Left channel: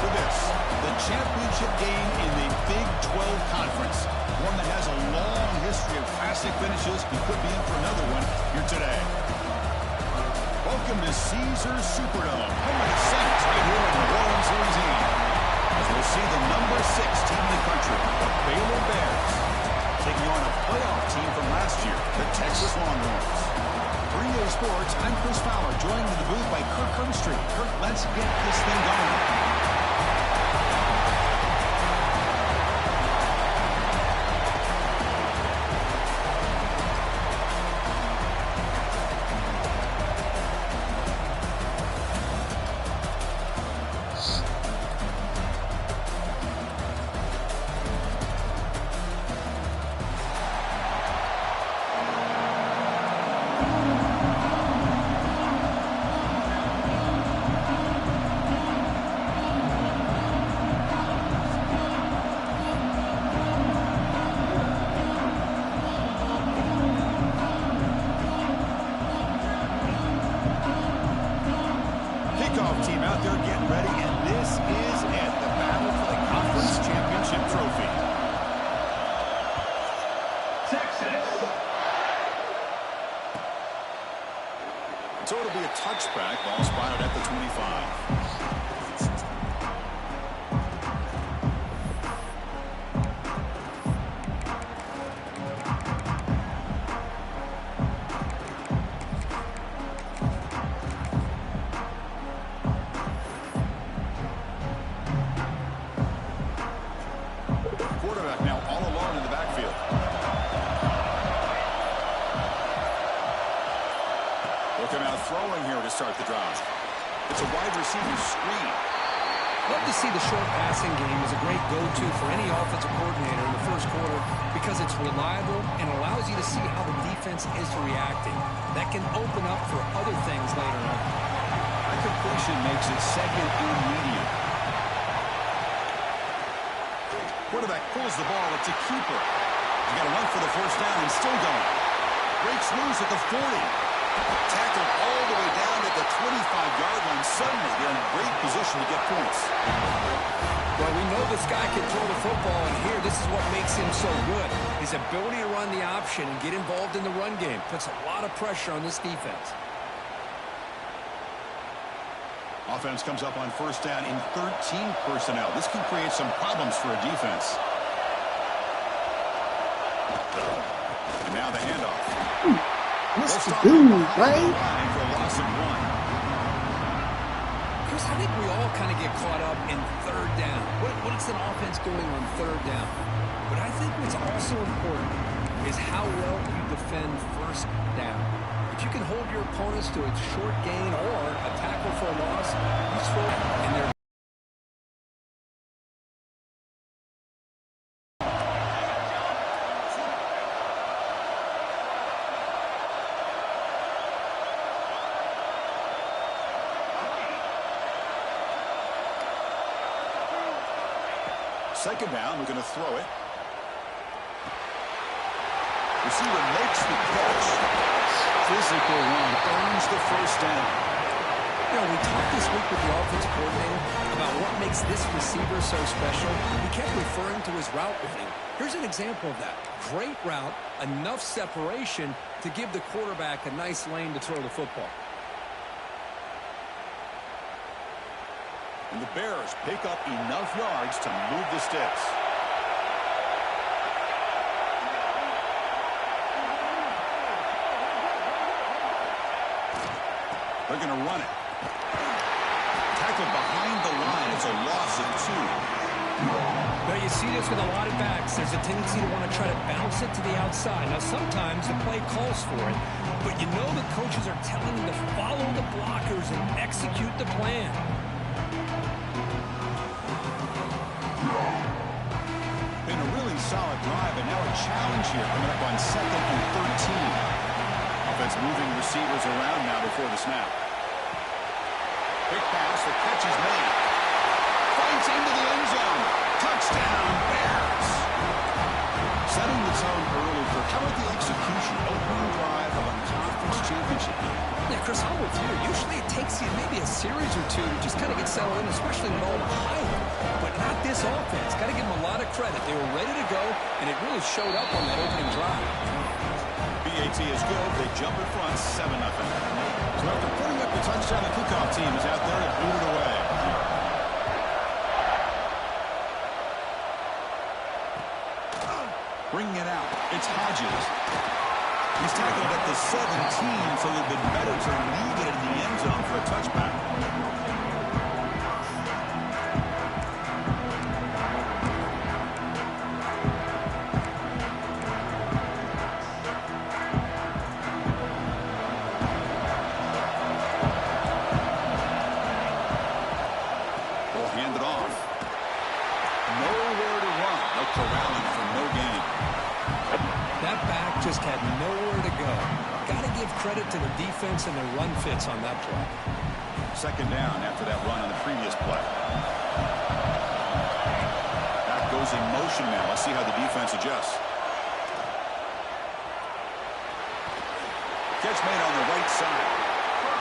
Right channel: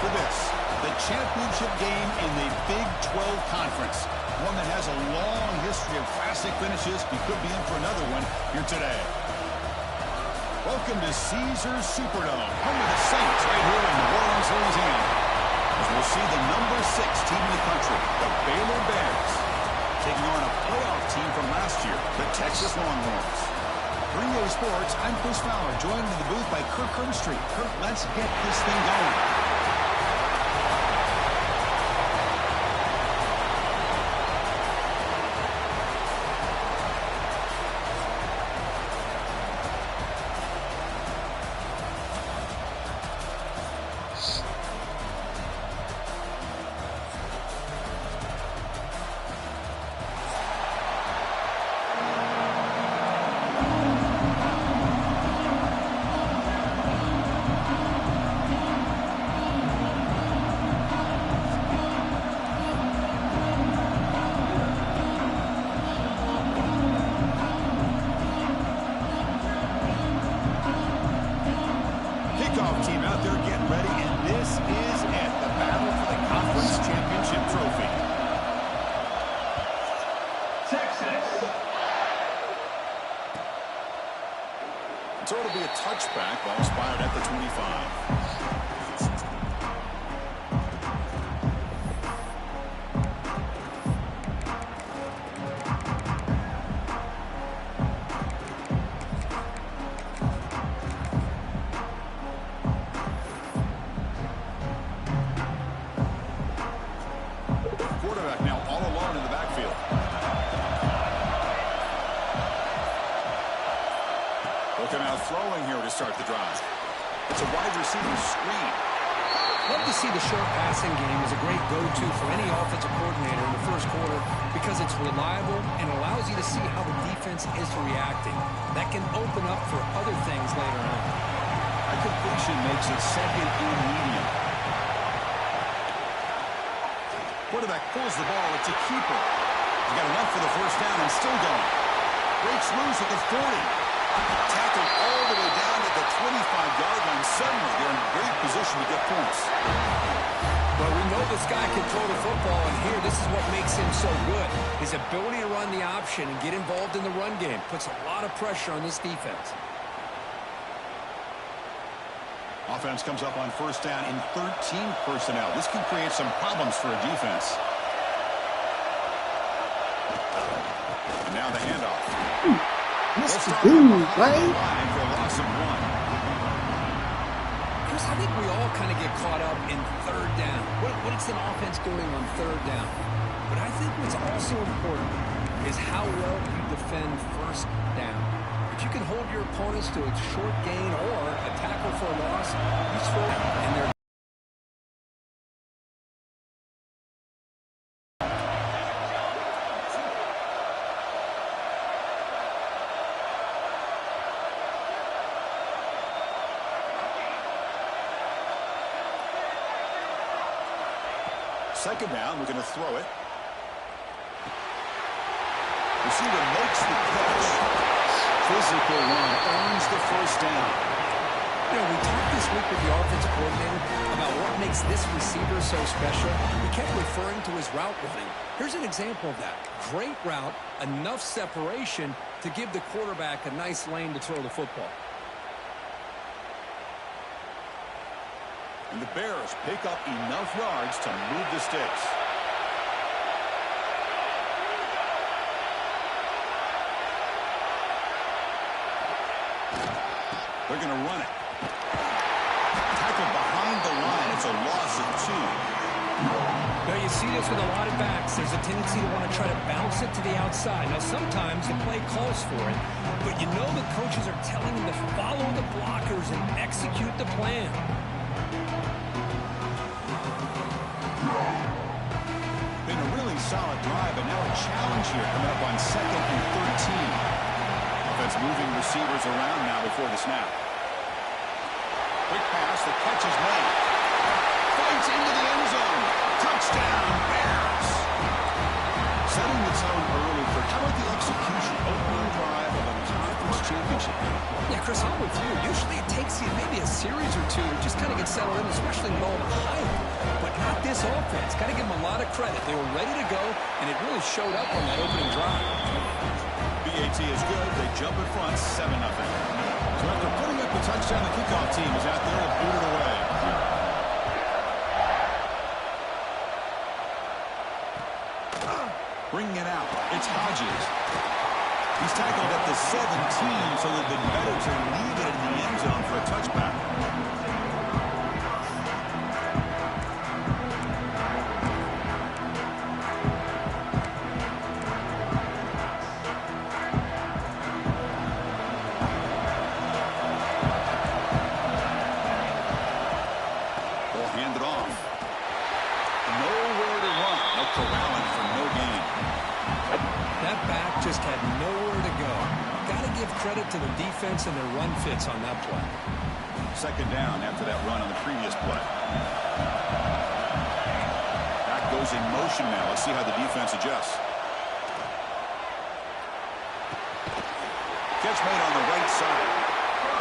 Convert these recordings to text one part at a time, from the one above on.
for this, the championship game in the Big 12 Conference. One that has a long history of classic finishes. We could be in for another one here today. Welcome to Caesars Superdome, home of the Saints, right here in New Orleans, Louisiana. As we'll see the number 6 team in the country, the Baylor Bears, taking on a playoff team from last year, the Texas Longhorns. For EA Sports, I'm Chris Fowler, joined in the booth by Kirk Herbstreit. Kirk, let's get this thing going. Team out there getting ready, and this is it, the battle for the conference championship trophy. Texas. So it'll be a touchback, ball spotted at the 25. Now all alone in the backfield. Looking out throwing here to start the drive. It's a wide receiver screen. Love to see the short passing game as a great go-to for any offensive coordinator in the first quarter because it's reliable and allows you to see how the defense is reacting. That can open up for other things later on. That completion makes it second and medium. Quarterback pulls the ball. It's a keeper. He's got enough for the first down and still going. Breaks loose at the 40. Tackled all the way down at the 25-yard line. Suddenly, they're in great position to get points. Well, we know this guy can throw the football, and here, this is what makes him so good. His ability to run the option and get involved in the run game puts a lot of pressure on this defense. Offense comes up on first down in 13 personnel. This can create some problems for a defense. And now the handoff. Mr. Dude, right? For a loss of 1. Chris, I think we all kind of get caught up in third down. What is an offense doing on third down? But I think what's also important is how well you defend first down. If you can hold your opponents to a short gain or a tackle for a loss, you throw in their second down, we're going to throw it. Receiver makes the catch. Physical run, earns the first down. You know, we talked this week with the offensive coordinator about what makes this receiver so special. He kept referring to his route running. Here's an example of that. Great route, enough separation to give the quarterback a nice lane to throw the football. And the Bears pick up enough yards to move the sticks. They're going to run it. Tackled behind the line. It's a loss of 2. Now you see this with a lot of backs. There's a tendency to want to try to bounce it to the outside. Now sometimes the play calls for it, but you know the coaches are telling them to follow the blockers and execute the plan. Been a really solid drive, but now a challenge here coming up on 2nd and 13. Offense moving receivers around now before the snap. Quick pass, the catch is made. Fights into the end zone. Touchdown, Bears. Setting the tone early for how about the execution, opening drive of a conference championship game. Yeah, Chris, I'm with you. Usually it takes you maybe a series or two to just kind of get settled in, especially with all the hype. But not this offense. Got to give them a lot of credit. They were ready to go, and it really showed up on that opening drive. BAT is good. They jump in front, 7-0. So after putting up the touchdown, the kickoff team is out there to boot it away. Bringing it out, it's Hodges. He's tackled at the 17, so it would have been better to leave it in the end zone for a touchback. They'll hand it off. Nowhere to run. No corralling for no gain. That back just had nowhere to go. Got to give credit to the defense and their run fits on that play. Second down after that run on the previous play. Back goes in motion now. Let's see how the defense adjusts. Catch made on the right side.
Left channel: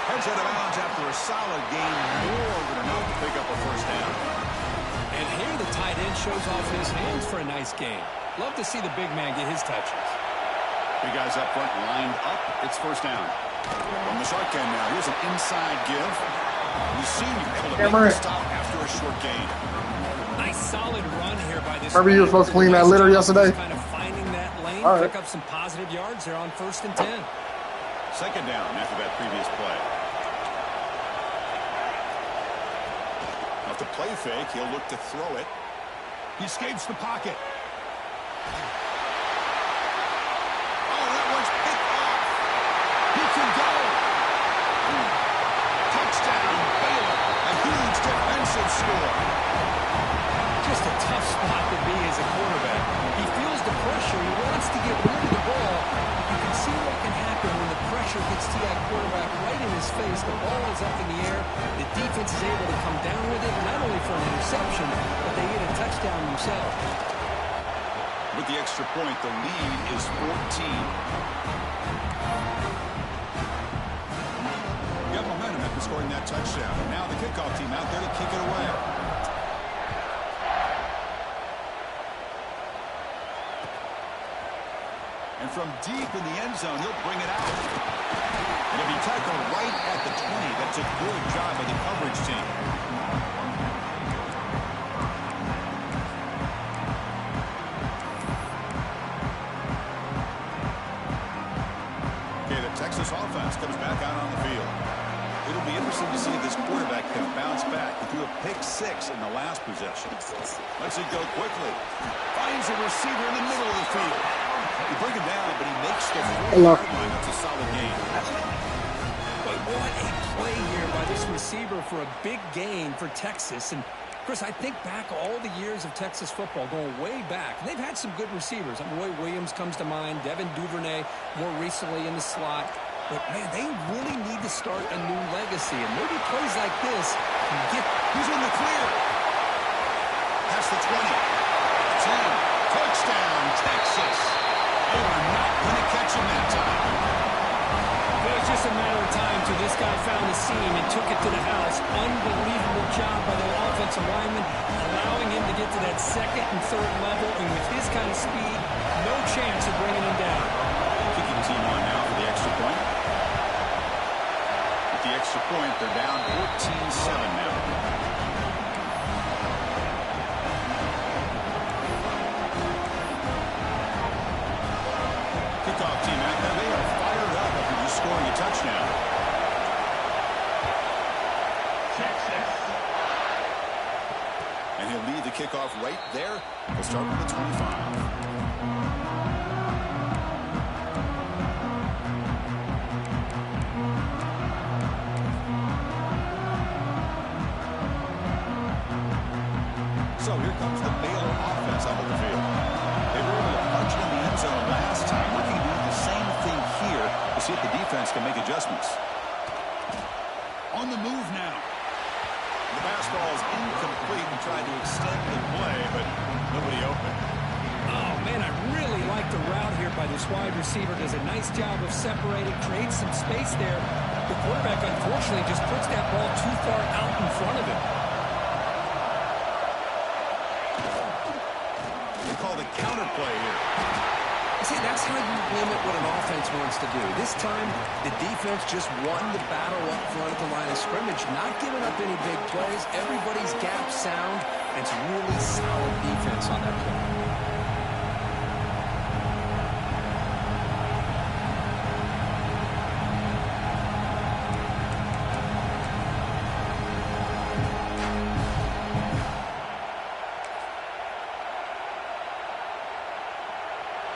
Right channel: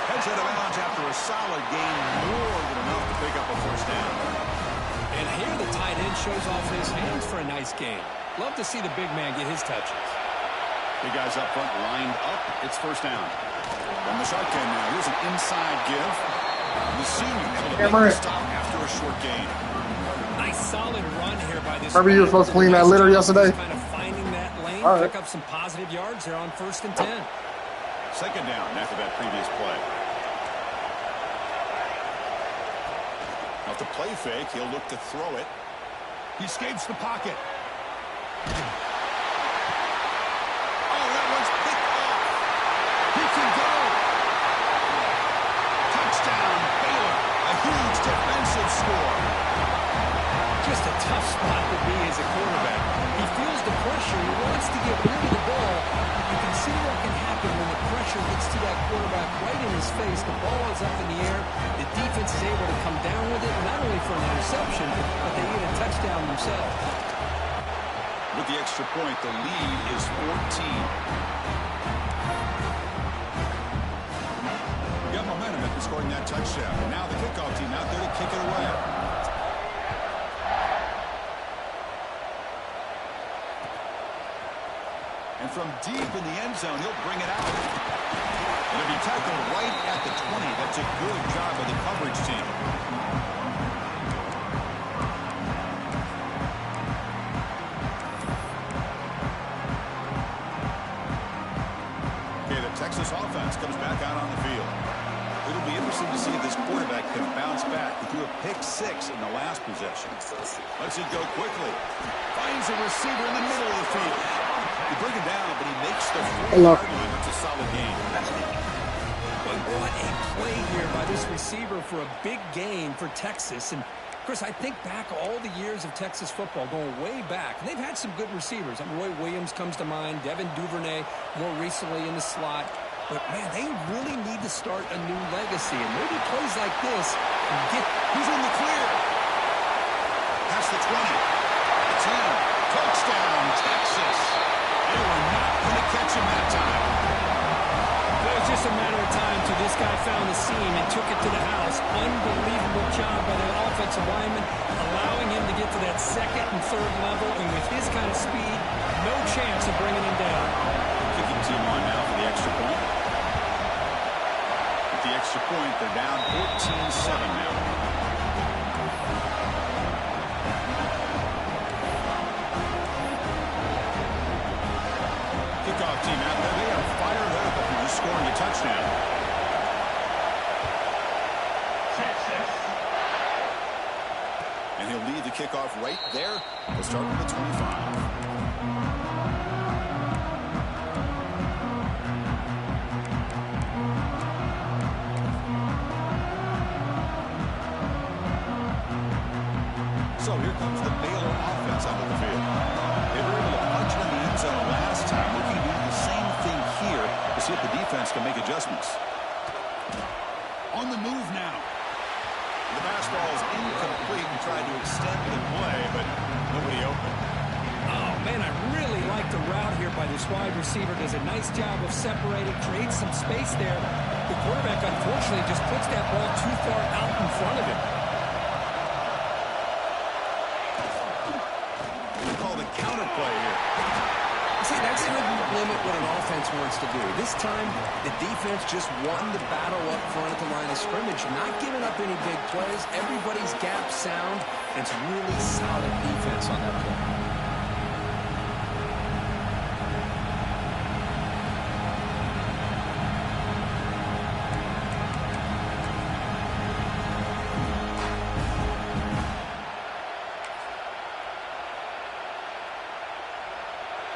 Heads out of bounds after a solid gain, more than enough to pick up a first down. And here the tight end shows off his hands for a nice gain. Love to see the big man get his touches. Big guys up front lined up. It's first down. From the shotgun now. Here's an inside give. The senior able to make the stop after a short gain. Nice solid run here by this. Remember you were supposed to clean that litter yesterday? Kind of finding that lane, All right. Pick up some positive yards there on 1st and 10. Second down after that previous play. Now to play fake, he'll look to throw it. He escapes the pocket. Oh, that one's picked off. He can go. Touchdown, Baylor. A huge defensive score. Just a tough spot to be as a quarterback. He feels the pressure. He wants to get rid of the ball. But you can see what can happen when the pressure gets to that quarterback right in his face. The ball is up in the air. The defense is able to come down with it, not only for an interception, but they get a touchdown themselves. With the extra point, the lead is 14. Got momentum after scoring that touchdown. And now the kickoff team out there to kick it away. And from deep in the end zone, he'll bring it out. It'll be tackled right at the 20. That's a good job by the coverage team. Okay, the Texas offense comes back out on the field. It'll be interesting to see if this quarterback can bounce back. He threw a pick-6 in the last possession. Lets it go quickly. Finds a receiver in the middle of the field. He brings him down, but he makes the 40-yard line. That's a solid game. But what a play here by this receiver for a big gain for Texas. And, Chris, I think back all the years of Texas football, going way back. And they've had some good receivers. Roy Williams comes to mind, Devin Duvernay more recently in the slot. But, man, they really need to start a new legacy. And maybe plays like this can get... He's in the clear. Past the 20. The 10. Touchdown, Texas. They were not going to catch him that time. It was just a matter of time till this guy found the seam and took it to the house. Unbelievable job by the offensive lineman, allowing him to get to that 2nd and 3rd level. And with his kind of speed, no chance of bringing him down. Kicking team on now for the extra point. With the extra point, they're down 14-7 now. Kickoff team out there. They are fired up after just scoring a touchdown. And he'll lead the kickoff right there. He'll start with the 25. So here comes the Baylor offense out of the field. They were able to punch it in the end zone last time. Looking to do the same thing here to see if the defense can make adjustments. On the move now. The pass ball is incomplete and tried to extend the play, but nobody open. Oh, Man, I really like the route here by this wide receiver. Does a nice job of separating, creates some space there. The quarterback, unfortunately, just puts that ball too far out in front of him. They call the counter play here. See, that's how you limit what an offense wants to do. This time, the defense just won the battle up front at the line of scrimmage, not giving up any big plays. Everybody's gap sound, and it's really solid defense on that play.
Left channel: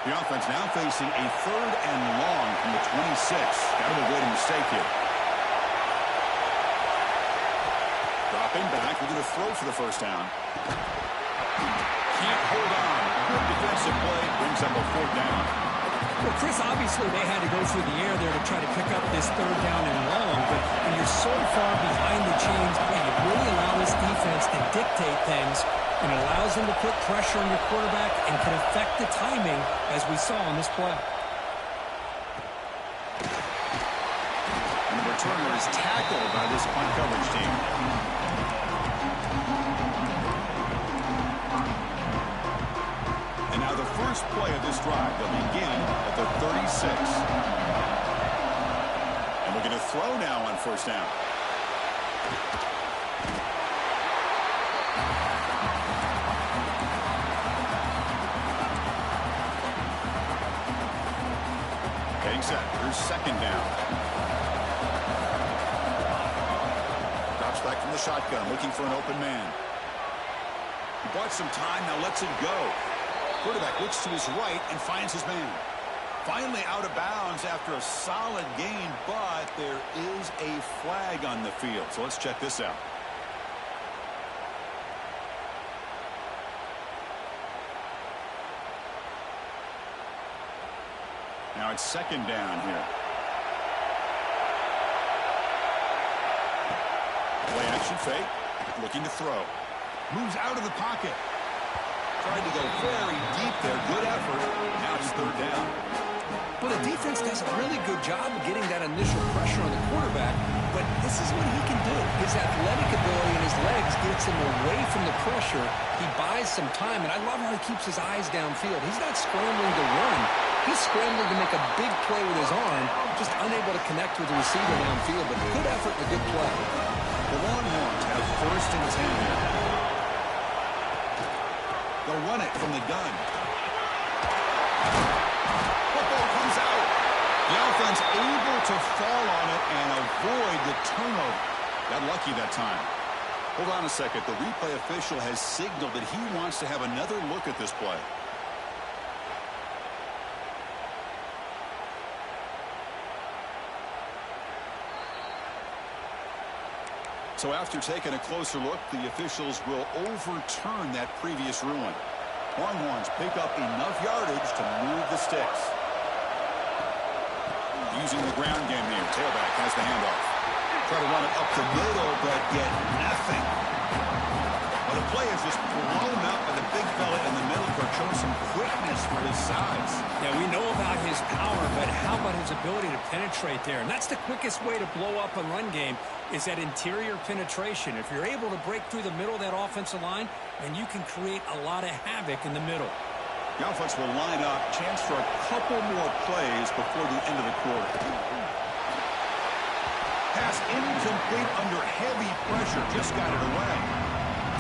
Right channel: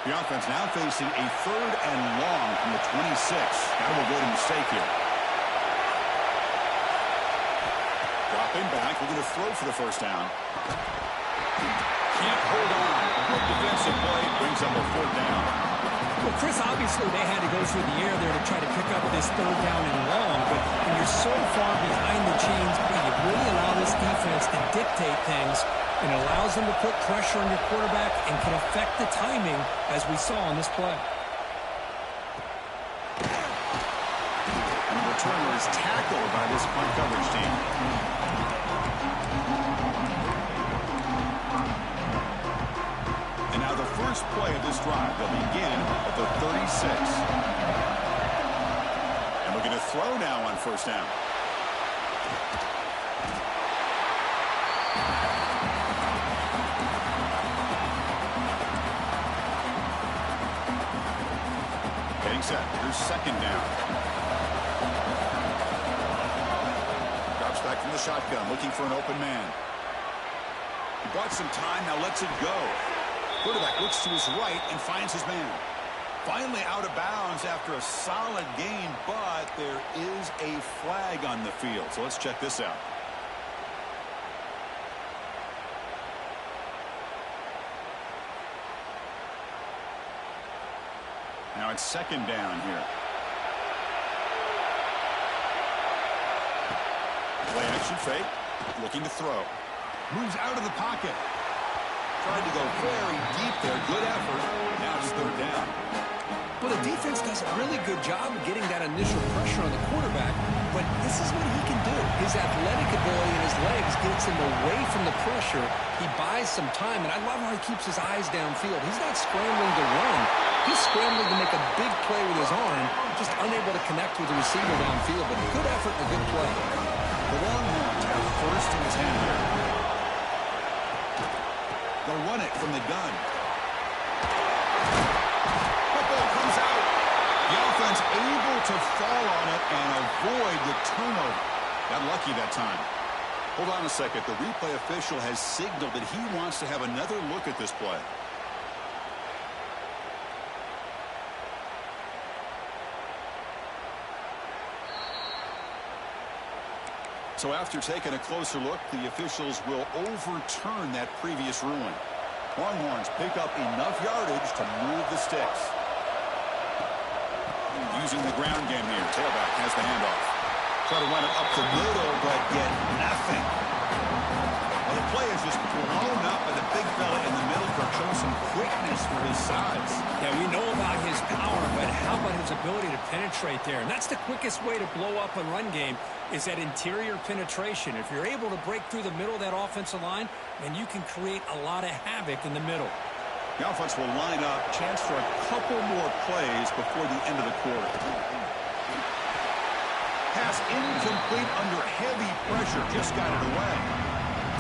The offense now facing a 3rd and long from the 26. Got to avoid a mistake here. Dropping back, looking to throw for the first down. Can't hold on. Good defensive play, brings up a 4th down. Well, Chris, obviously they had to go through the air there to try to pick up this 3rd down and long, but when you're so far behind the chains, you really allow this defense to dictate things. And it allows them to put pressure on your quarterback and can affect the timing, as we saw on this play. And the returner is tackled by this punt coverage team. And now the first play of this drive, they'll begin at the 36. And looking to throw now on 1st down. Getting set. Here's 2nd down. Drops back from the shotgun, looking for an open man. He bought some time, now lets it go. Quarterback looks to his right and finds his man. Finally out of bounds after a solid gain, but there is a flag on the field. So let's check this out. Now it's 2nd down here. Play action fake. Looking to throw. Moves out of the pocket. Tried to go very deep there. Good effort. Now it's 3rd down. Well, the defense does a really good job of getting that initial pressure on the quarterback, but this is what he can do. His athletic ability and his legs gets him away from the pressure. He buys some time, and I love how he keeps his eyes downfield. He's not scrambling to run. He's scrambling to make a big play with his arm, just unable to connect with the receiver downfield, but good effort and a good play. The Longhorns have 1st in his hand here. They'll run it from the gun. Football comes out. The offense able to fall on it and avoid the turnover. Got lucky that time. Hold on a second. The replay official has signaled that he wants to have another look at this play. So after taking a closer look, the officials will overturn that previous ruling. Longhorns pick up enough yardage to move the sticks. Using the ground game here. Tailback has the handoff. Try to run it up the middle, but get nothing. Well, the play is just blown up by the big fella in the middle for showing some quickness for his size. Yeah, we know about his power, but how about his ability to penetrate there? And that's the quickest way to blow up a run game, is that interior penetration. If you're able to break through the middle of that offensive line, then you can create a lot of havoc in the middle. The offense will line up. Chance for a couple more plays before the end of the quarter. Pass incomplete under heavy pressure. Just got it away.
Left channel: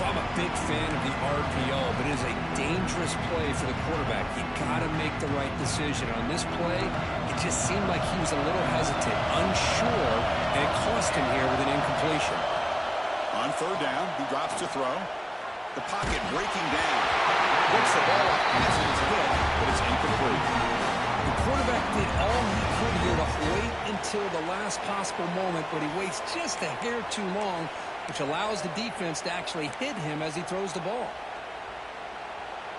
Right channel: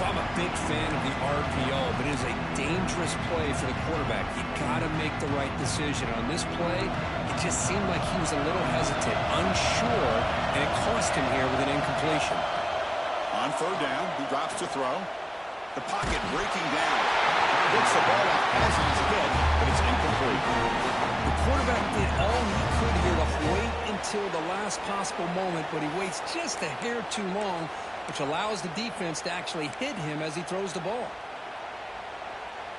I'm a big fan of the RPO, but it is a dangerous play for the quarterback. You got to make the right decision. On this play, it just seemed like he was a little hesitant, unsure, and it cost him here with an incompletion. On 3rd down, he drops to throw. The pocket breaking down. Gets the ball off as he's hit, but it's incomplete. The quarterback did all he could here to wait until the last possible moment, but he waits just a hair too long, which allows the defense to actually hit him as he throws the ball.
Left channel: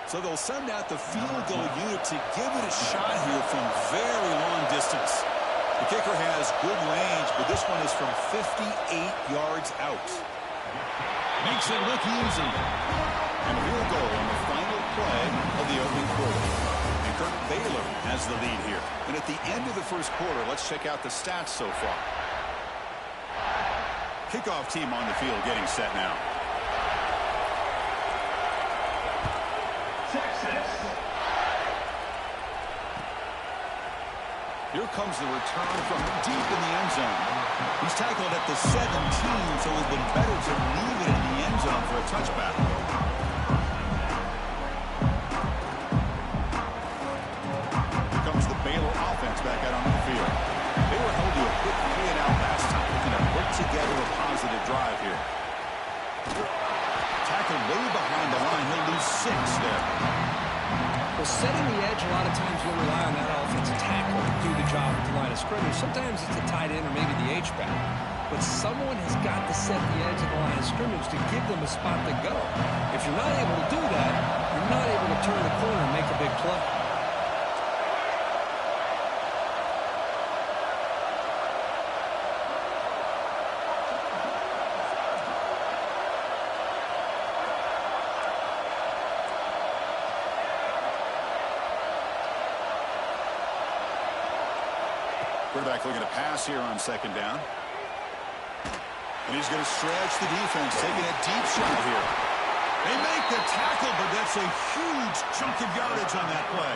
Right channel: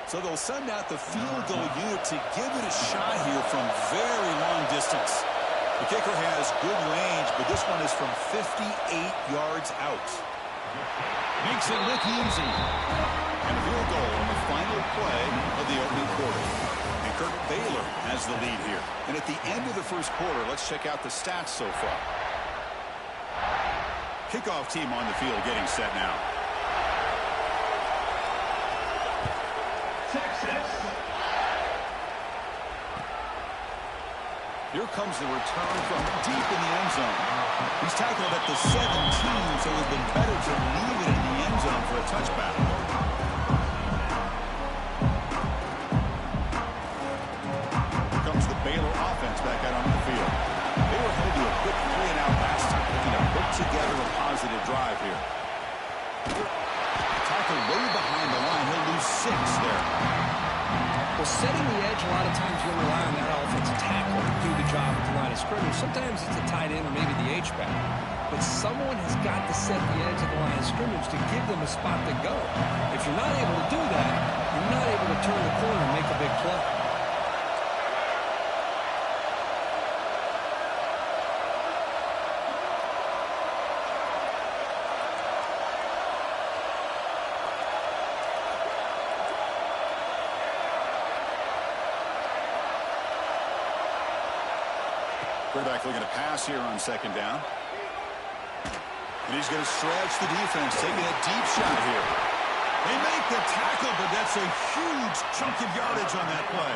So they'll send out the field goal unit to give it a shot here from very long distance. The kicker has good range, but this one is from 58 yards out. Makes it look easy. And a field goal on the final play of the opening quarter. And Kirk Baylor has the lead here. And at the end of the first quarter, let's check out the stats so far. Kickoff team on the field getting set now. Texas. Here comes the return from deep in the end zone. He's tackled at the 17, so it would have been better to leave it in the end zone for a touchback. Here comes the Baylor offense back out onto the field. They were held to a quick 3-and-out last time, looking to put together a positive drive here. Tackled way behind the line. He'll lose 6 there. Well, setting the edge, a lot of times you'll rely on that offensive tackle to do the job at the line of scrimmage. Sometimes it's a tight end or maybe the H-back. But someone has got to set the edge of the line of scrimmage to give them a spot to go. If you're not able to do that, you're not able to turn the corner and make a big play. Quarterback looking to pass here on second down. And he's going to stretch the defense, taking a deep shot here. They make the tackle, but that's a huge chunk of yardage on that play.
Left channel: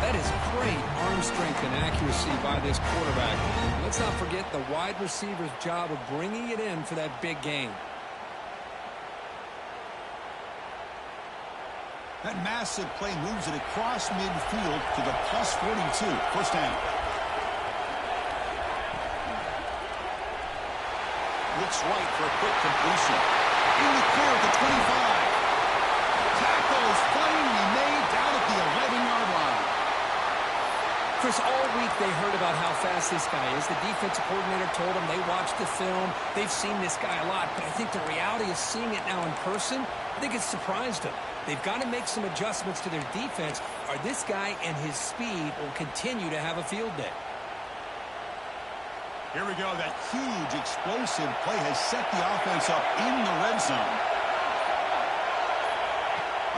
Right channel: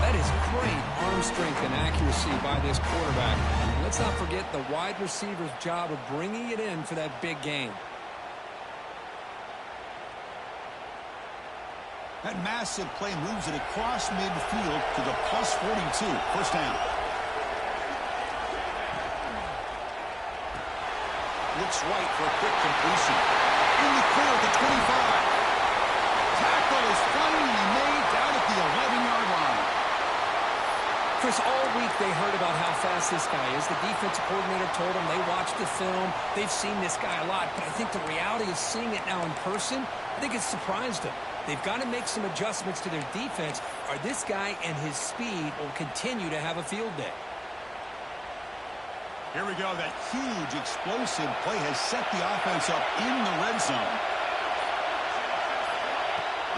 That is great arm strength and accuracy by this quarterback. Let's not forget the wide receiver's job of bringing it in for that big gain. That massive play moves it across midfield to the plus 42. First down. Looks right for a quick completion. In the clear at the 25. Tackle is finally made down at the 11-yard line. Chris, all week they heard about how fast this guy is. The defensive coordinator told them they watched the film. They've seen this guy a lot, but I think the reality of seeing it now in person, I think it's surprised them. They've got to make some adjustments to their defense, or this guy and his speed will continue to have a field day. Here we go. That huge explosive play has set the offense up in the red zone.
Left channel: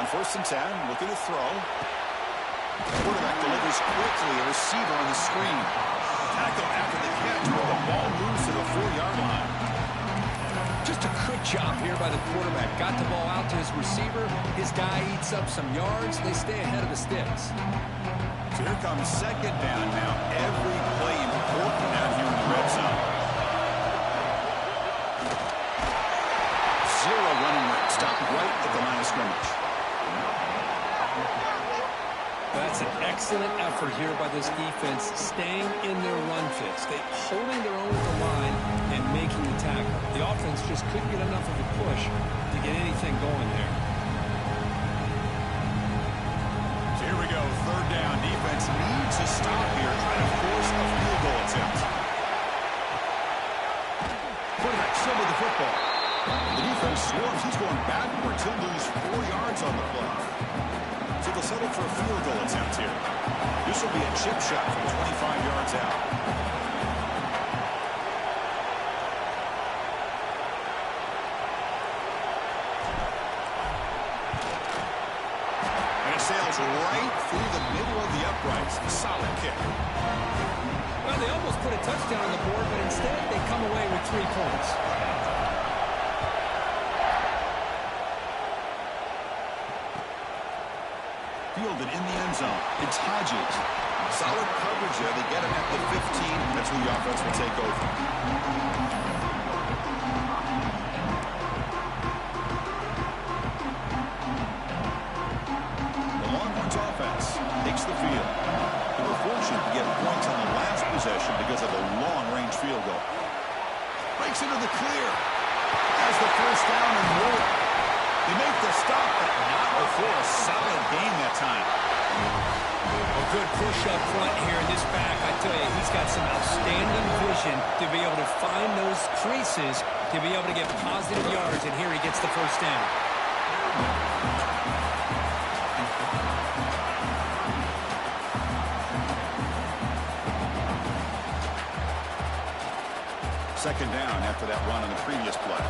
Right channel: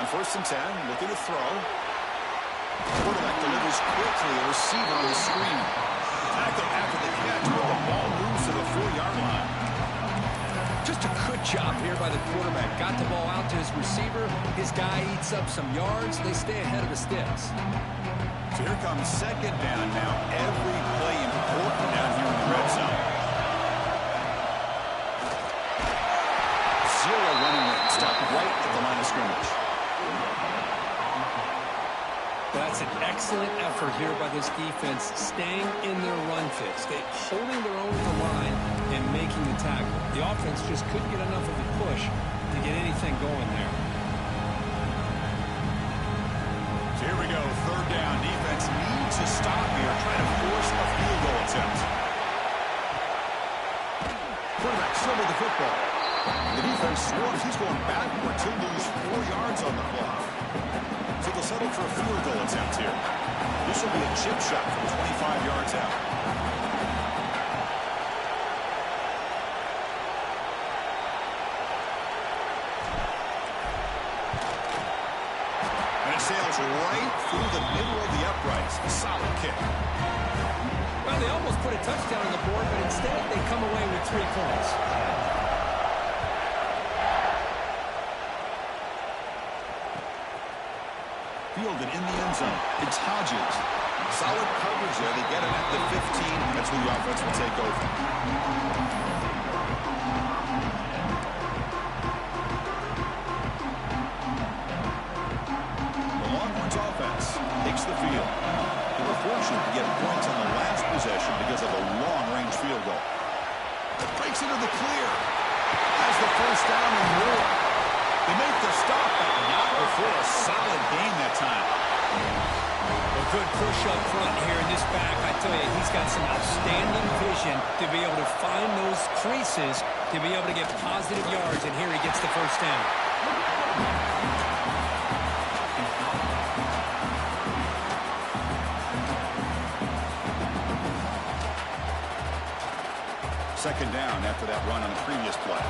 On 1st and 10, looking to throw. Quarterback delivers quickly. A receiver on the screen. Tackle after the catch, but the ball moves to the 4-yard line. Just a good job here by the quarterback. Got the ball out to his receiver. His guy eats up some yards. They stay ahead of the sticks. So here comes second down now. Every play important down here in the red zone. 0 running room. Stop right at the line of scrimmage. Well, that's an excellent effort here by this defense, staying in their run fits. They holding their own at the line and making the tackle. The offense just couldn't get enough of a push to get anything going there. So here we go, 3rd down. Defense needs to stop here, try to force a field goal attempt. Quarterback still with the football. The defense swarms. He's going backwards. He'll lose 4 yards on the play. So they'll settle for a field goal attempt here. This will be a chip shot from 25 yards out. And it sails right through the middle of the uprights. A solid kick. Well, they almost put a touchdown on the board, but instead they come away with 3 points. Fielded in the end zone. It's Hodges. Solid coverage there. They get him at the 15. That's who the offense will take over. The Longhorns offense takes the field. They were fortunate to get points on the last possession because of a long-range field goal. Breaks into the clear. Has the first down and more. They make the stop, but not before a solid gain that time. A good push up front here in this back. I tell you, he's got some outstanding vision to be able to find those creases, to be able to get positive yards, and here he gets the first down. Second down after that run on the previous play.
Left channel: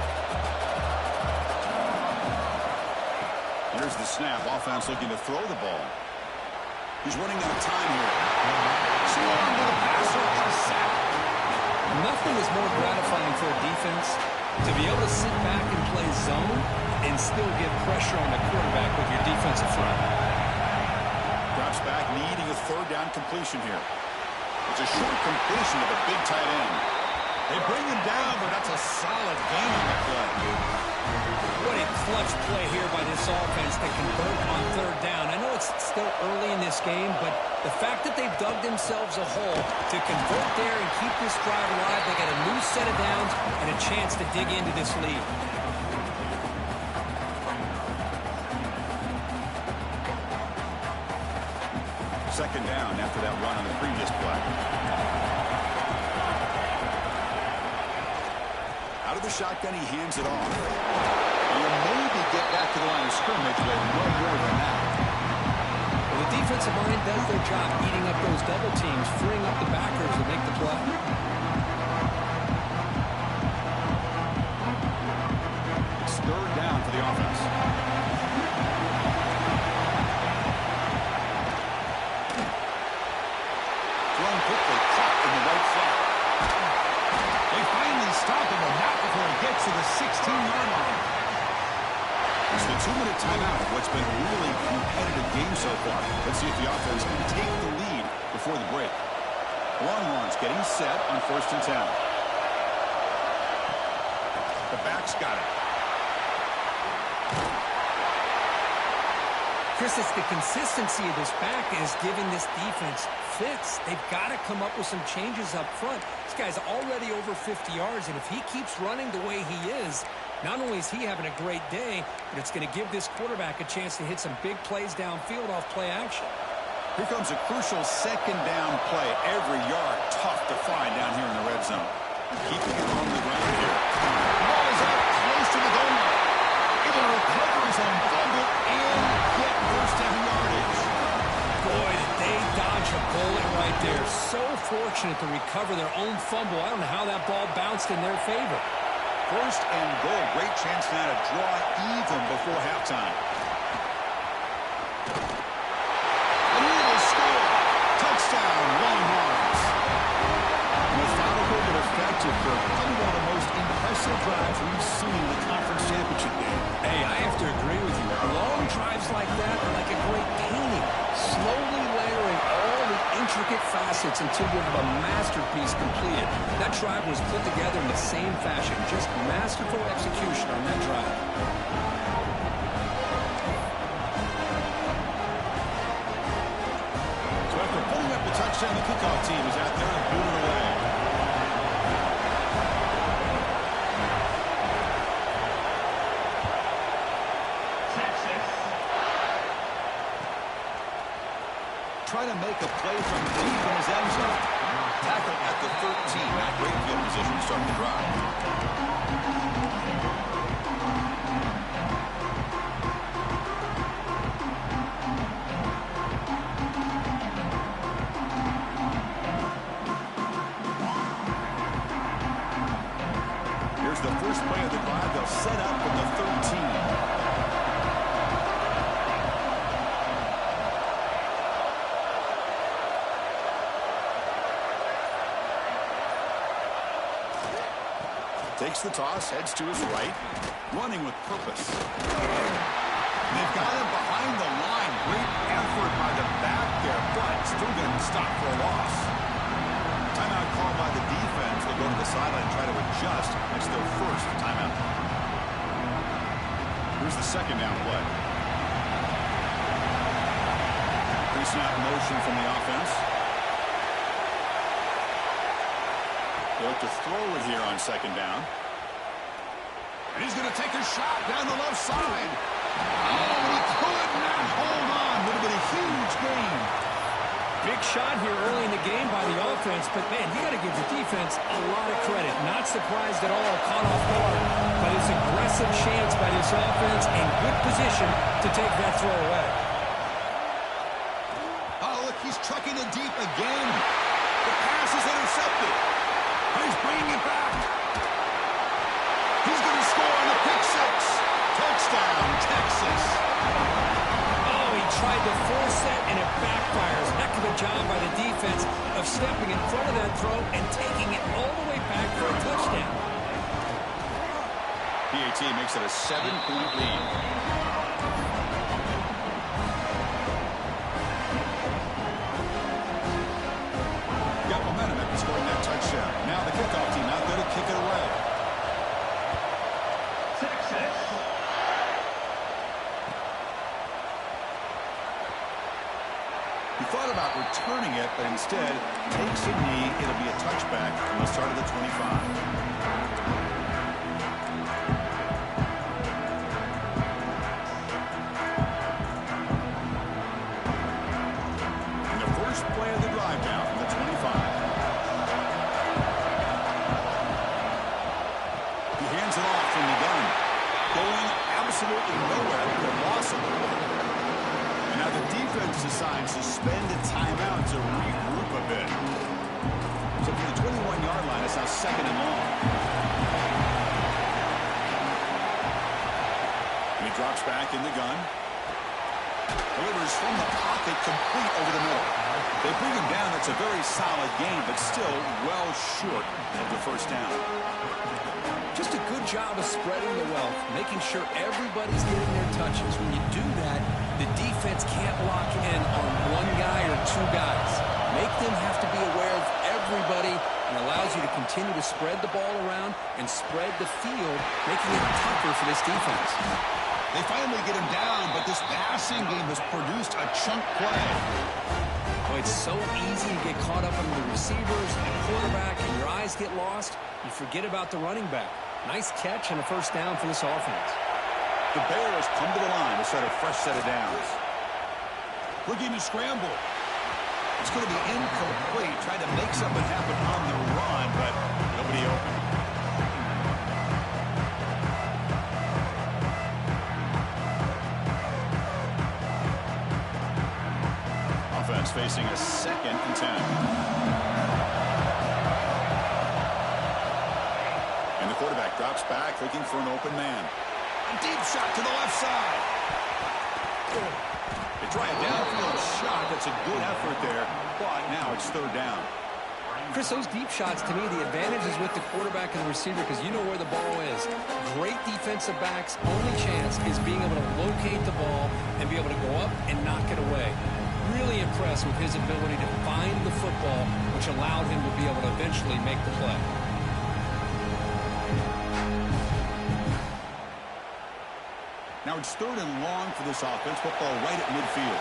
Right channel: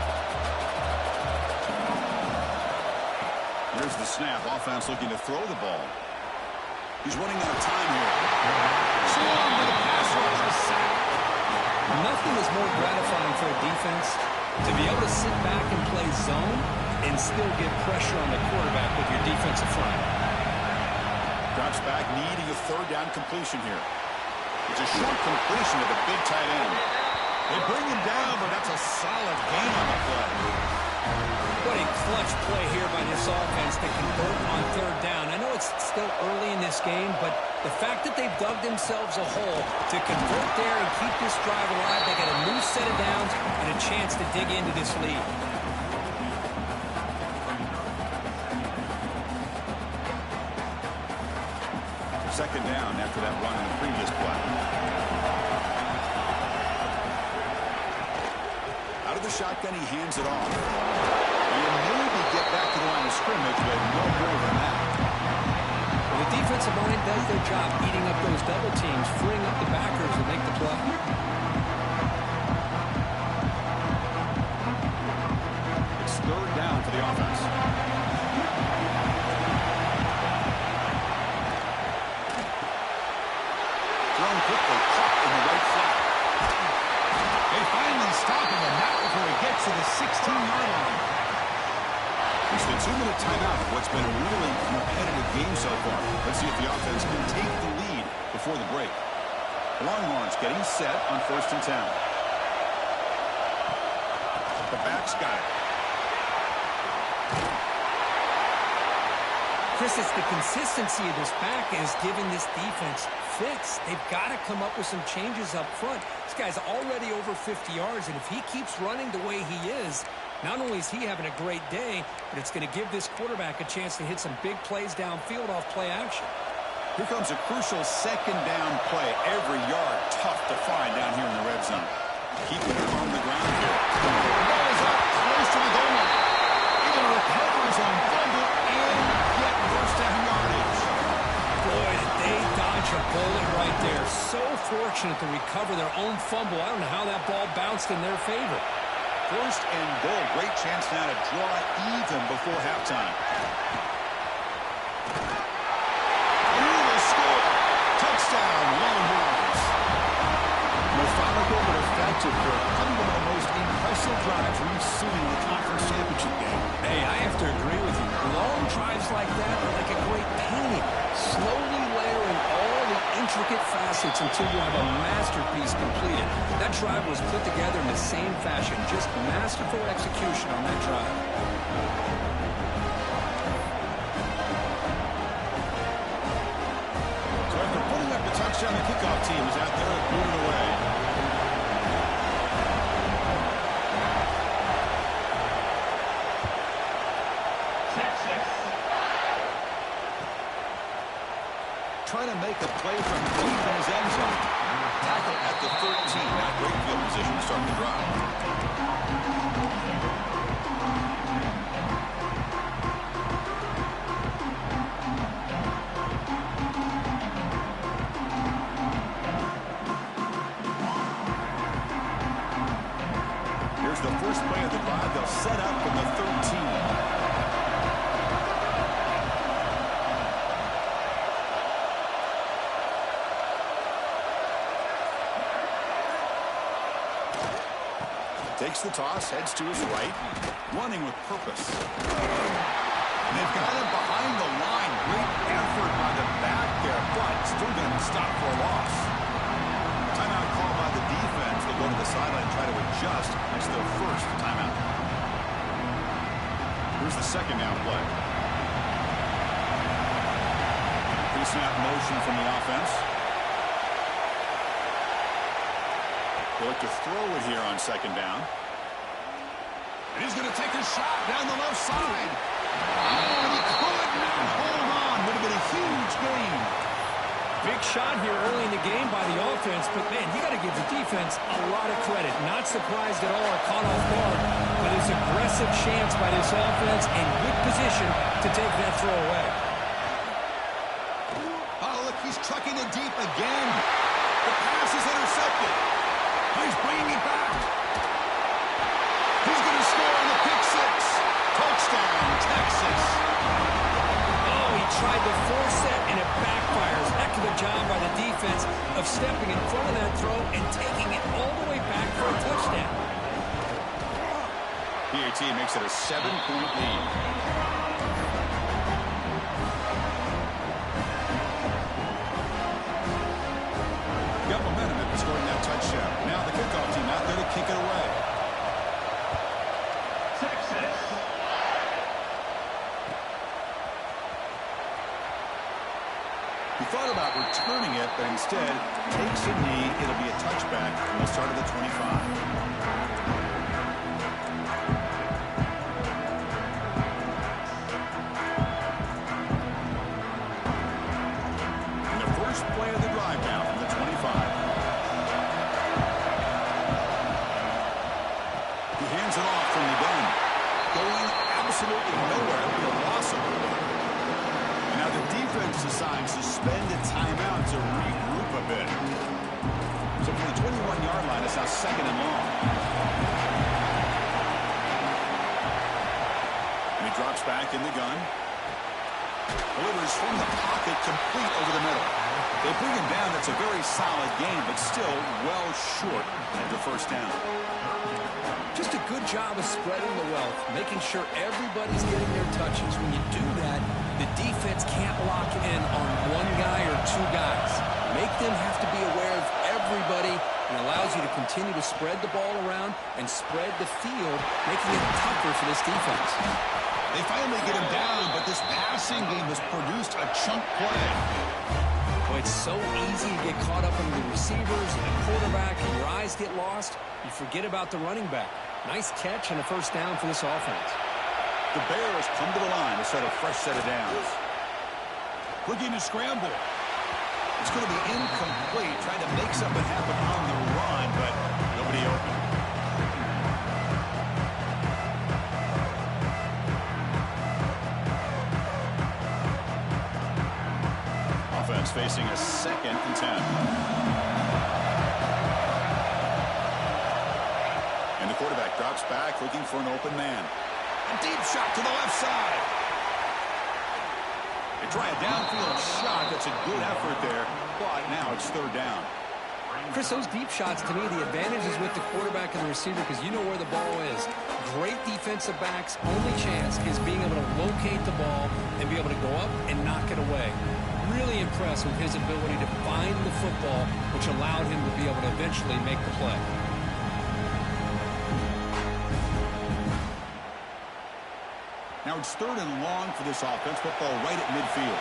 Here's the snap. Offense looking to throw the ball. He's running out of time here. Swarmed with a pass rush, a sack. Nothing is more gratifying for a defense to be able to sit back and play zone and still get pressure on the quarterback with your defensive front. Drops back, needing a third down completion here. It's a short completion to the big tight end. They bring him down, but that's a solid gain on the play. What a clutch play here by this offense to convert on third down. I know it's still early in this game, but the fact that they've dug themselves a hole to convert there and keep this drive alive, they got a new set of downs and a chance to dig into this lead. Second down after that run on the previous play. Out of the shotgun, he hands it off. He'll maybe get back to the line of scrimmage, but no more than that. Well, the defensive line does their job eating up those double teams, freeing up the backers to make the play. It's third down for the offense. Thrown quickly, caught in the right flat. They finally stop him, and not before he gets to the 16-yard line. It's the 2-minute timeout of what's been a really competitive game so far. Let's see if the offense can take the lead before the break. Longhorns getting set on 1st and 10. The back's got it. Chris, it's the consistency of this back is giving this defense fits. They've got to come up with some changes up front. This guy's already over 50 yards, and if he keeps running the way he is, not only is he having a great day, but it's going to give this quarterback a chance to hit some big plays downfield off play action. Here comes a crucial second down play. Every yard tough to find down here in the red zone. Keeping it on the ground here. The ball is up close to the goal line. Able to recover his own fumble and get first down yardage. Boy, did they dodge a bullet right there. So fortunate to recover their own fumble. I don't know how that ball bounced in their favor. First and goal. Great chance now to draw even before halftime. And he will score. Touchdown, Longhorns. Methodical but effective, Kirk. Probably one of the most impressive drives we've seen in the conference championship game. Hey, I have to agree with you. Long drives like that are like a great painting. Slowly layering all the intricate facets until you have a masterpiece completed. That drive was put together in the same fashion. Just masterful execution on that drive. So after putting up the touchdown, the kickoff team is out there and booted away. Trying to make a play from deep in his end zone. Tackle at the 13. Not great field position to start the drive. Here's the first play of the drive. They'll set up from the 13. Takes the toss, heads to his right, running with purpose. They've got him behind the line. Great effort by the back there, but still going to stop for a loss. Timeout called by the defense. They'll go to the sideline and try to adjust. That's their first timeout. Here's the second down play. Pre-snap motion from the offense. They look to throw it here on second down. And he's going to take a shot down the left side. Oh, he could not hold on. Would have been a huge gain. Big shot here early in the game by the offense, but, man, you got to give the defense a lot of credit. Not surprised at all or caught off guard, but it's aggressive chance by this offense and good position to take that throw away. Oh, look, he's trucking it deep again. The pass is intercepted. Oh, he's bringing it back. He's going to score on the pick six. Touchdown, Texas. Oh, he tried to force that, and it backfires. Heck of a job by the defense of stepping in front of that throw and taking it all the way back for a touchdown. PAT makes it a 7-point lead. Got momentum after scoring that touchdown. Now the kickoff team out there to kick it away. Texas. He thought about returning it, but instead takes a knee. It'll be a touchback from the start of the 25. Play of the drive now from the 25. He hands it off from the gun. Going absolutely nowhere with a loss of it. And now the defense decides to spend a timeout to regroup a bit. So from the 21-yard line, it's now 2nd and long. And he drops back in the gun. Delivers from the pocket, complete over the middle. They bring him down. That's a very solid game, but still well short of the first down. Just a good job of spreading the wealth, making sure everybody's getting their touches. When you do that, the defense can't lock in on one guy or two guys. Make them have to be aware of everybody, and allows you to continue to spread the ball around and spread the field, making it tougher for this defense. They finally get him down, but this passing game has produced a chunk play. Boy, it's so easy to get caught up in the receivers and the quarterback, and your eyes get lost. You forget about the running back. Nice catch and a first down for this offense. The Bears come to the line to set a fresh set of downs. Looking to scramble. It's going to be incomplete. Tried to make something happen on the run, but nobody open. Offense facing a 2nd and 10. And the quarterback drops back looking for an open man. A deep shot to the left side. They try a downfield shot. That's a good effort there, but now it's 3rd down. Chris, those deep shots, to me, the advantage is with the quarterback and the receiver because you know where the ball is. Great defensive backs' only chance is being able to locate the ball and be able to go up and knock it away. Really impressed with his ability to find the football, which allowed him to be able to eventually make the play. Now it's 3rd and long for this offense. Football right at midfield.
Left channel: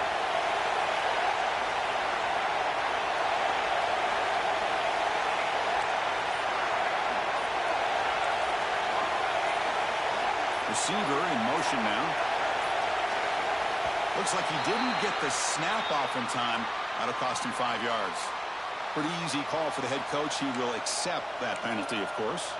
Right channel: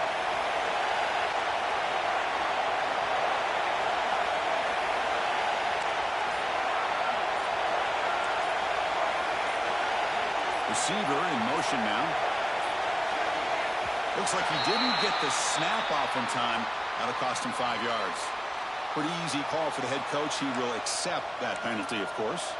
Receiver in motion now. Looks like he didn't get the snap off in time. That'll cost him 5 yards. Pretty easy call for the head coach. He will accept that penalty, of course.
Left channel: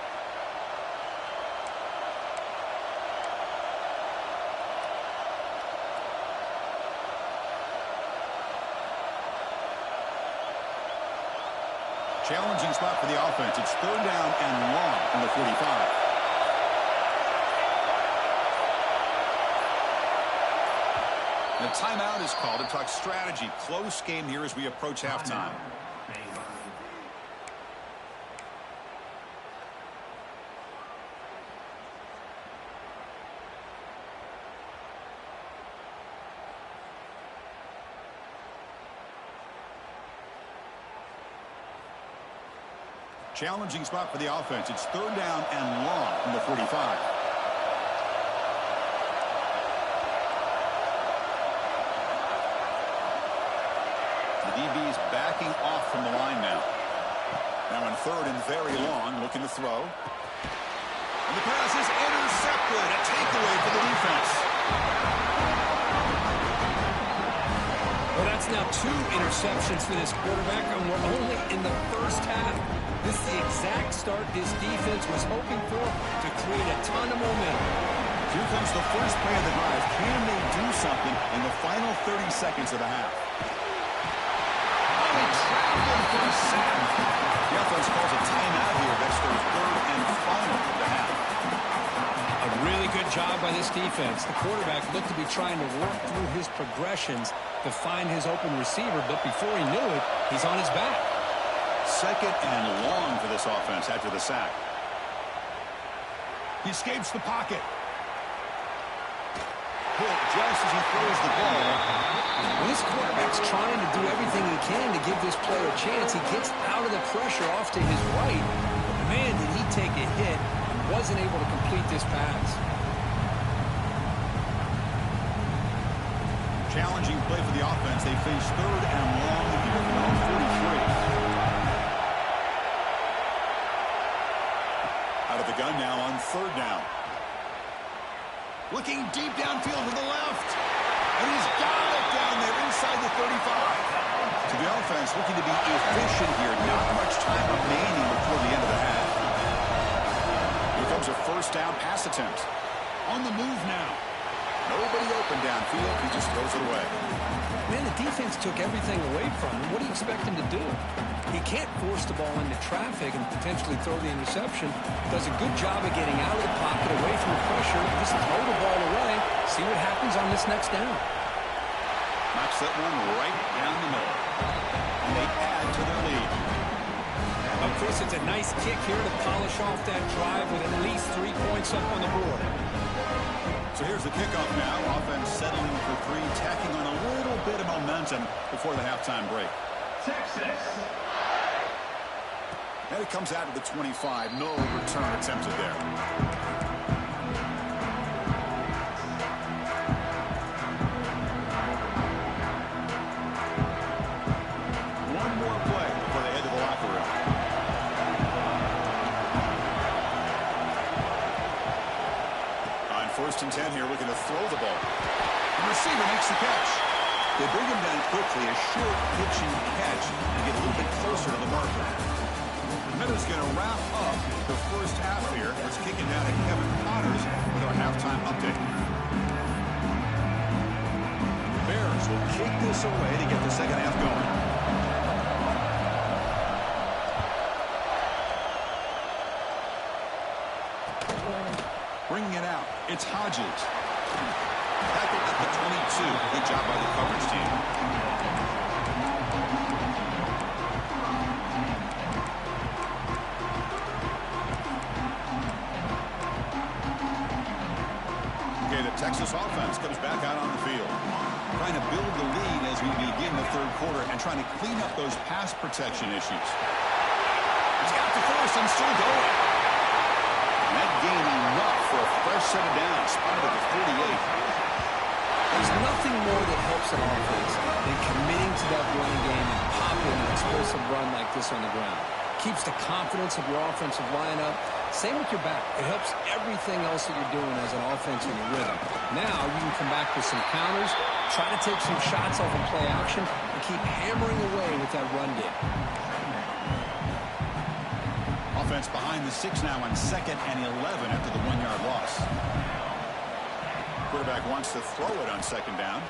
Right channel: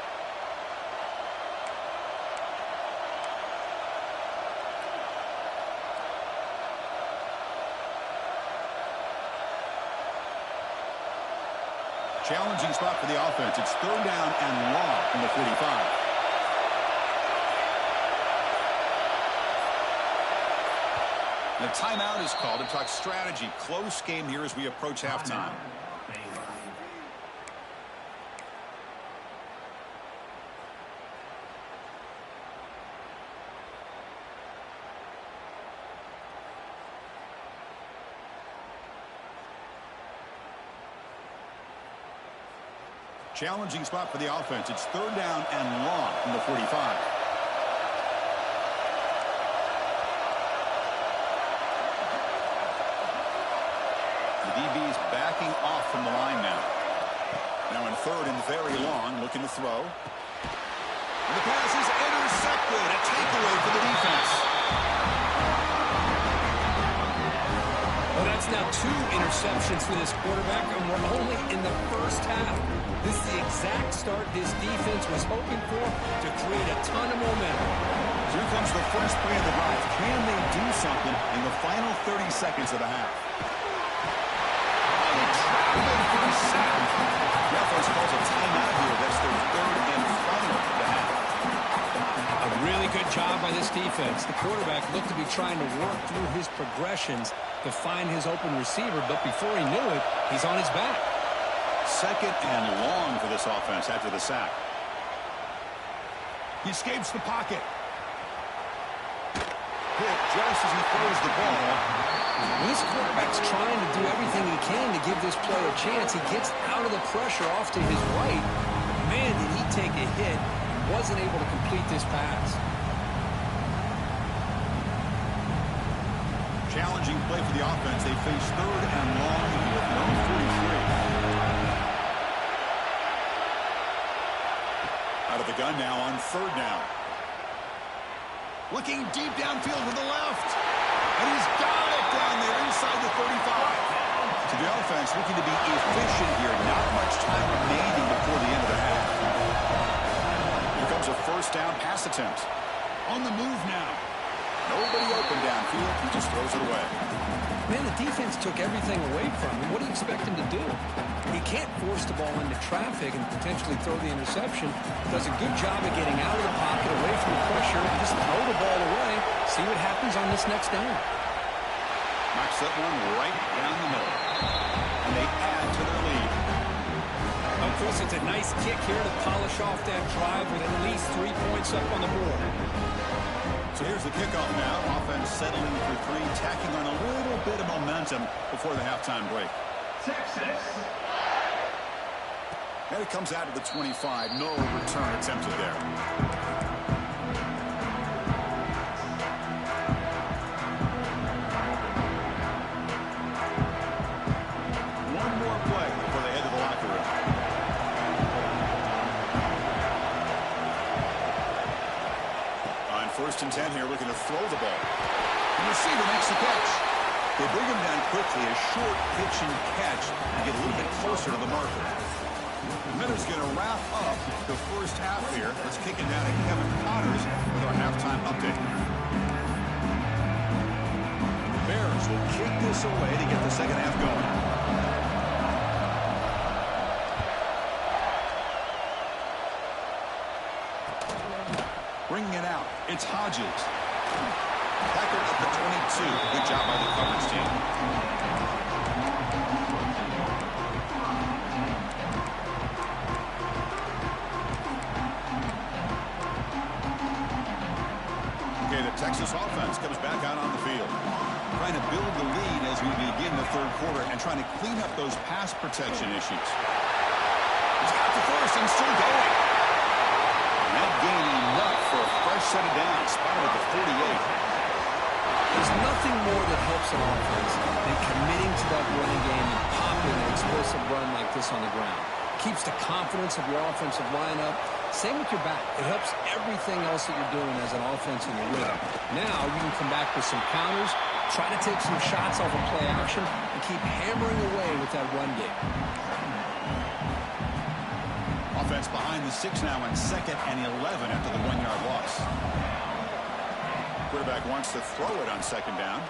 Challenging spot for the offense. It's 3rd down and long from the 45. And a timeout is called to talk strategy. Close game here as we approach halftime. Challenging spot for the offense. It's 3rd down and long from the 45. The DB's backing off from the line now. Now in 3rd and very long, looking to throw. And the pass is intercepted. A takeaway for the defense. Well, that's now 2 interceptions for this quarterback, and we're only in the first half. This is the exact start this defense was hoping for to create a ton of momentum. Here comes the first play of the drive. Can they do something in the final 30 seconds of the half? Oh, they trapped him for a sack. The offense calls a timeout here. That's their 3rd and final of the half. Really good job by this defense. The quarterback looked to be trying to work through his progressions to find his open receiver, but before he knew it, he's on his back. Second and long for this offense after the sack. He escapes the pocket. Hit just as he throws the ball. When this quarterback's trying to do everything he can to give this player a chance, he gets out of the pressure off to his right. But man, did he take a hit and wasn't able to complete this pass. Challenging play for the offense. They face third and long here from their own 43. Out of the gun now on third down. Looking deep downfield to the left. And he's got it down there inside the 35. To the offense, looking to be efficient here. Not much time remaining before the end of the half. Here comes a first down pass attempt. On the move now. Nobody open downfield. He just throws it away. Man, the defense took everything away from him. What do you expect him to do? He can't force the ball into traffic and potentially throw the interception. Does a good job of getting out of the pocket, away from the pressure, just throw the ball away, see what happens on this next down. Knocks that one right down the middle. And they add to their lead. Oh, Chris, it's a nice kick here to polish off that drive with at least 3 points up on the board. So here's the kickoff now. Offense settling for three, tacking on a little bit of momentum before the halftime break. Texas. And it comes out to the 25. No return attempted there. One more play before they head to the locker room. On 1st and 10 here, looking to throw the ball. The receiver makes the catch. They bring him down quickly, a short pitch and catch to get a little bit closer to the marker. The Minnows going to wrap up the first half here. Let's kick it down to Kevin Connors with our halftime update. The Bears will kick this away to get the second half going. Bringing it out, it's Hodges. Tackled at the 22. Good job by the coverage team. Okay, the Texas offense comes back out on the field. Trying to build the lead as we begin the third quarter and trying to clean up those pass protection issues. He's got the first and still going. And that gain enough for a fresh set of downs. Spotted at the 48. There's nothing more that helps an offense than committing to that running game and popping an explosive run like this on the ground. Keeps the confidence of your offensive lineup. Same with your back. It helps everything else that you're doing as an offense in your rhythm. Now you can come back with some counters, try to take some shots off of play action, and keep hammering away with that run game. Offense behind the 6 now on 2nd and 11 after the 1-yard loss. Quarterback wants to throw it on 2nd down.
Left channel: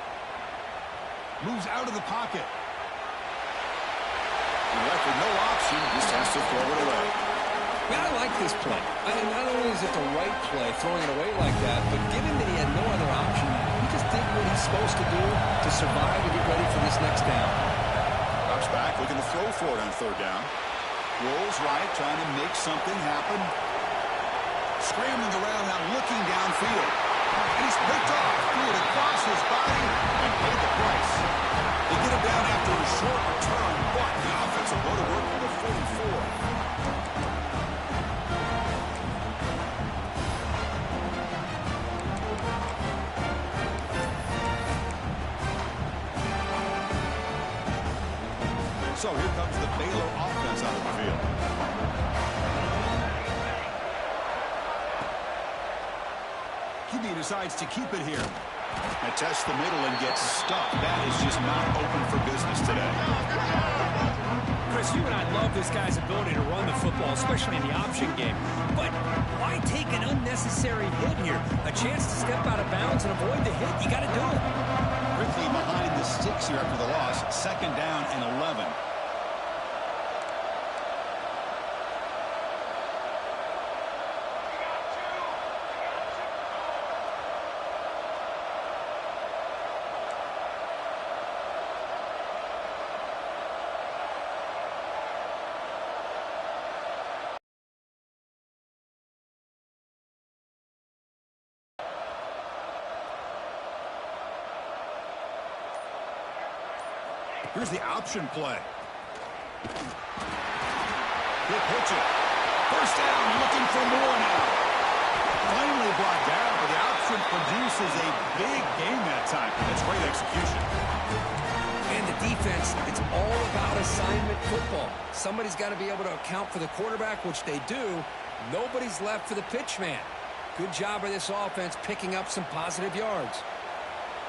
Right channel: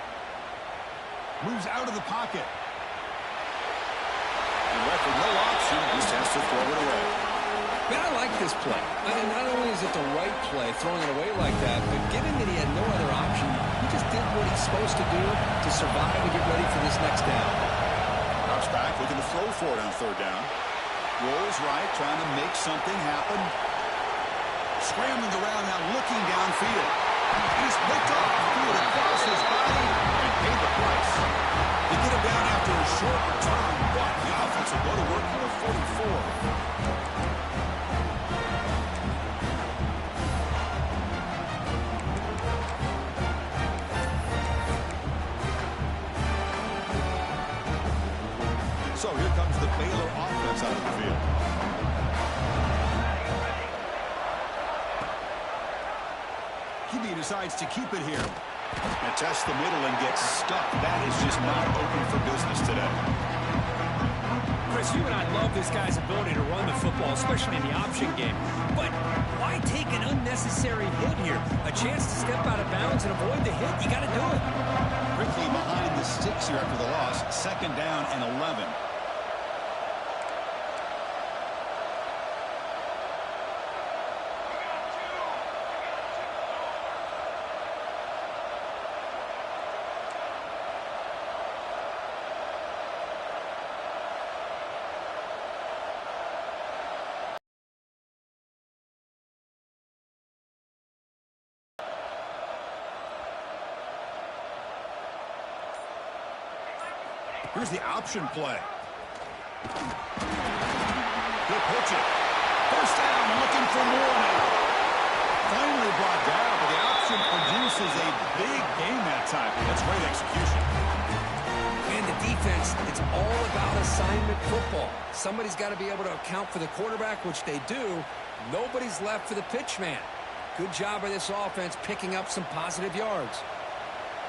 Moves out of the pocket. And left with no option, just has to throw it away. Man, I like this play. I mean, not only is it the right play, throwing it away like that, but given that he had no other option, he just did what he's supposed to do to survive and get ready for this next down. Drops back, looking to throw for it on 3rd down. Rolls right, trying to make something happen. Scrambling around now, looking downfield. And he's picked off, threw it across his body, and paid the price. They get him down after a short return, but the offense will go to work for the 44. So here comes the Baylor offense out of the field. QB decides to keep it here. And test the middle and gets stuck. That is just not open for business today. Chris, you and I love this guy's ability to run the football, especially in the option game. But why take an unnecessary hit here? A chance to step out of bounds and avoid the hit? You got to do it. Quickly behind the sticks here after the loss. 2nd down and 11. Here's the option play. He'll pitch it. First down, looking for more now. Finally brought down, but the option produces a big gain that time. That's great execution. And the defense, it's all about assignment football. Somebody's got to be able to account for the quarterback, which they do. Nobody's left for the pitch man. Good job by this offense picking up some positive yards.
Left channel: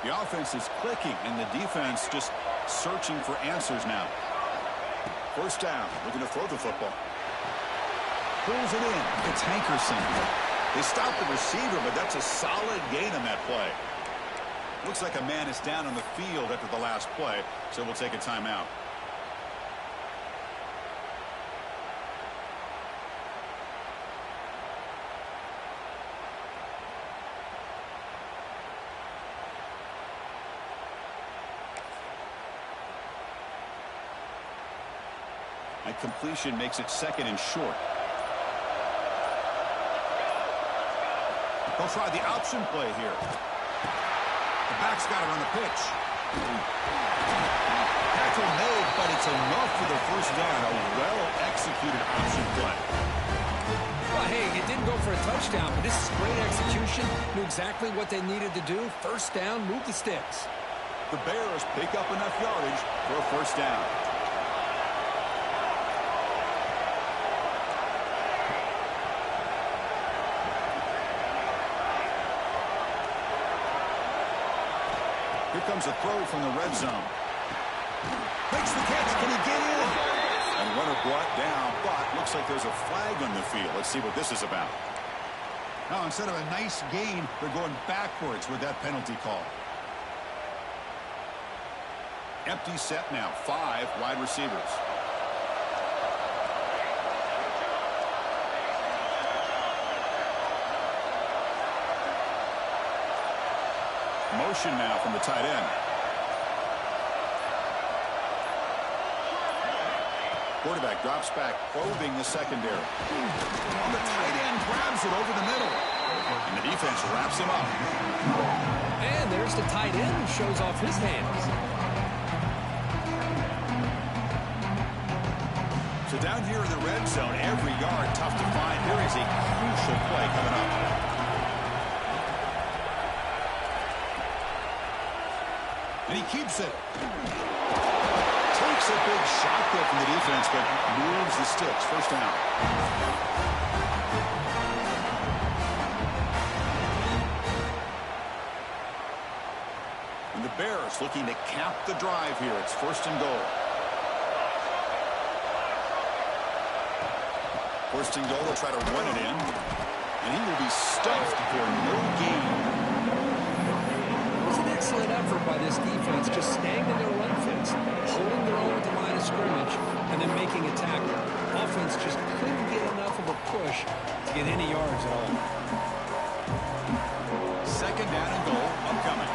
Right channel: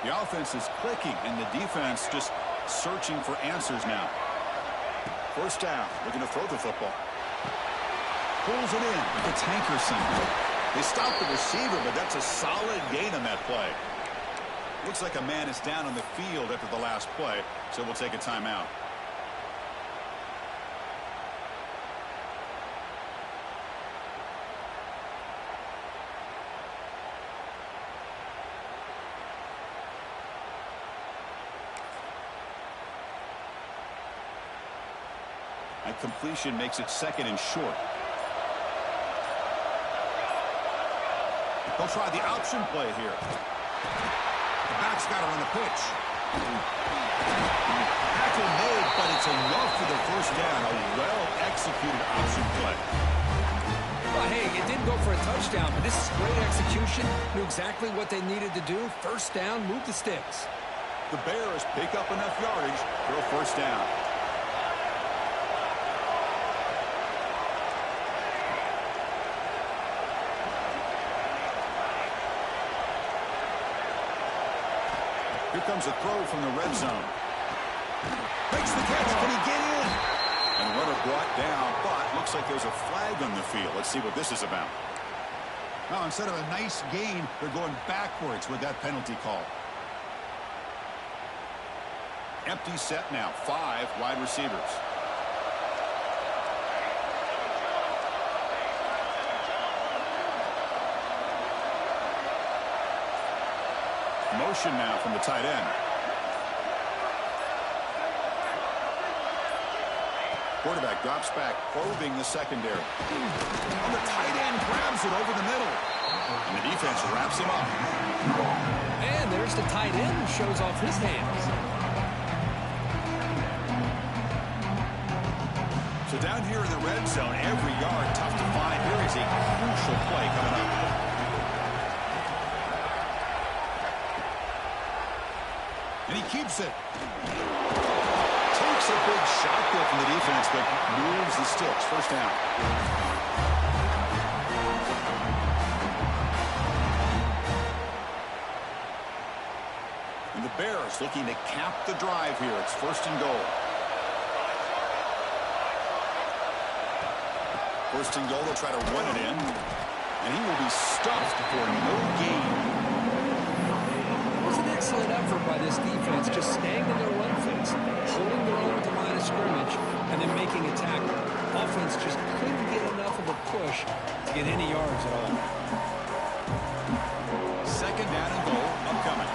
The offense is clicking, and the defense just searching for answers now. First down, looking to throw the football. Pulls it in. It's Hankerson. They stopped the receiver, but that's a solid gain on that play. Looks like a man is down on the field after the last play, so we'll take a timeout. A completion makes it second and short. They'll try the option play here. The back's got it on the pitch. Tackle made, but it's enough for the first down. A well-executed option play. Well, hey, it didn't go for a touchdown, but this is great execution. Knew exactly what they needed to do. First down, move the sticks. The Bears pick up enough yardage for a first down. Here comes a throw from the red zone. Makes the catch. Can he get in? And runner brought down, but looks like there's a flag on the field. Let's see what this is about. Now, instead of a nice gain, they're going backwards with that penalty call. Empty set now. 5 wide receivers. Motion now from the tight end. Quarterback drops back, probing the secondary. On the tight end, grabs it over the middle. And the defense wraps him up. And there's the tight end who shows off his hands. So down here in the red zone, every yard tough to find. Here is a crucial play coming up. And he keeps it. Takes a big shot there from the defense, but moves the sticks. First down. And the Bears looking to cap the drive here. It's first and goal. First and goal, they'll try to run it in. And he will be stuffed for no gain. Excellent effort by this defense, just staying in their run fence, holding their own at the line of scrimmage, and then making a tackle. Offense just couldn't get enough of a push to get any yards at all. Second down and goal upcoming.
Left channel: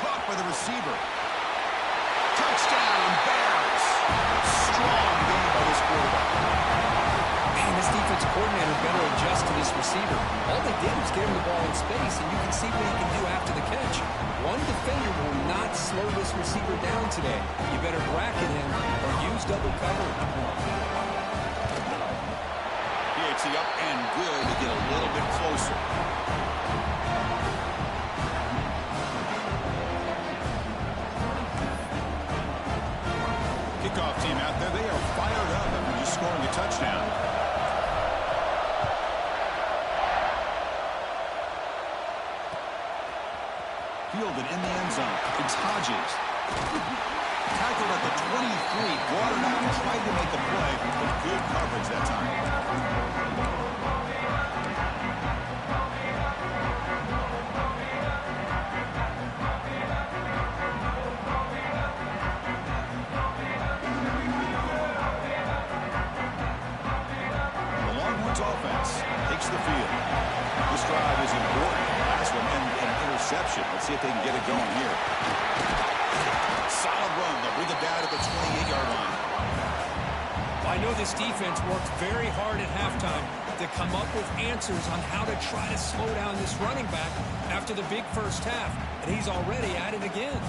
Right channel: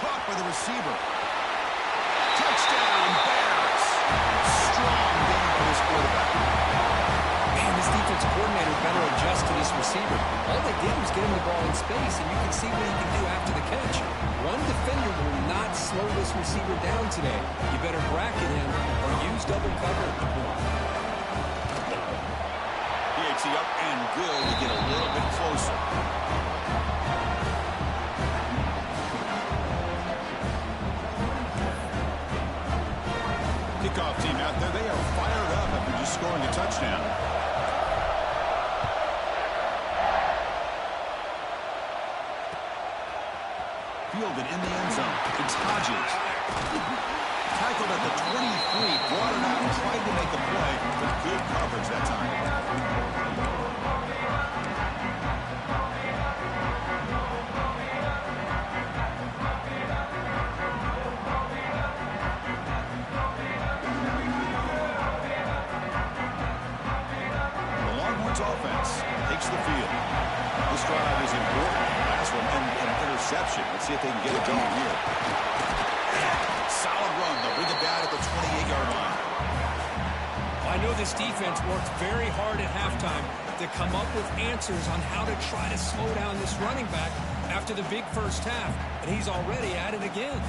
Caught by the receiver. Touchdown, Bears. Strong game by this quarterback. Man, this defensive coordinator better adjust to this receiver. All they did was get him the ball in space, and you can see what he can do after the catch. One defender will not slow this receiver down today. You better bracket him or use double coverage. PAT up and good to get a little bit closer. Kickoff team out there, they are fired up after just scoring a touchdown. Fielded in the end zone. It's Hodges. Tackled at the 23, brought it out and tried to make a play, but good coverage that time. The Longhorns offense takes the field. This drive is important. Last one and an interception. Let's see if they can get it going here. Solid run. They'll bring it down at the 28-yard line. I know this defense worked very hard at halftime to come up with answers on how to try to slow down this running back after the big first half, and he's already at it again.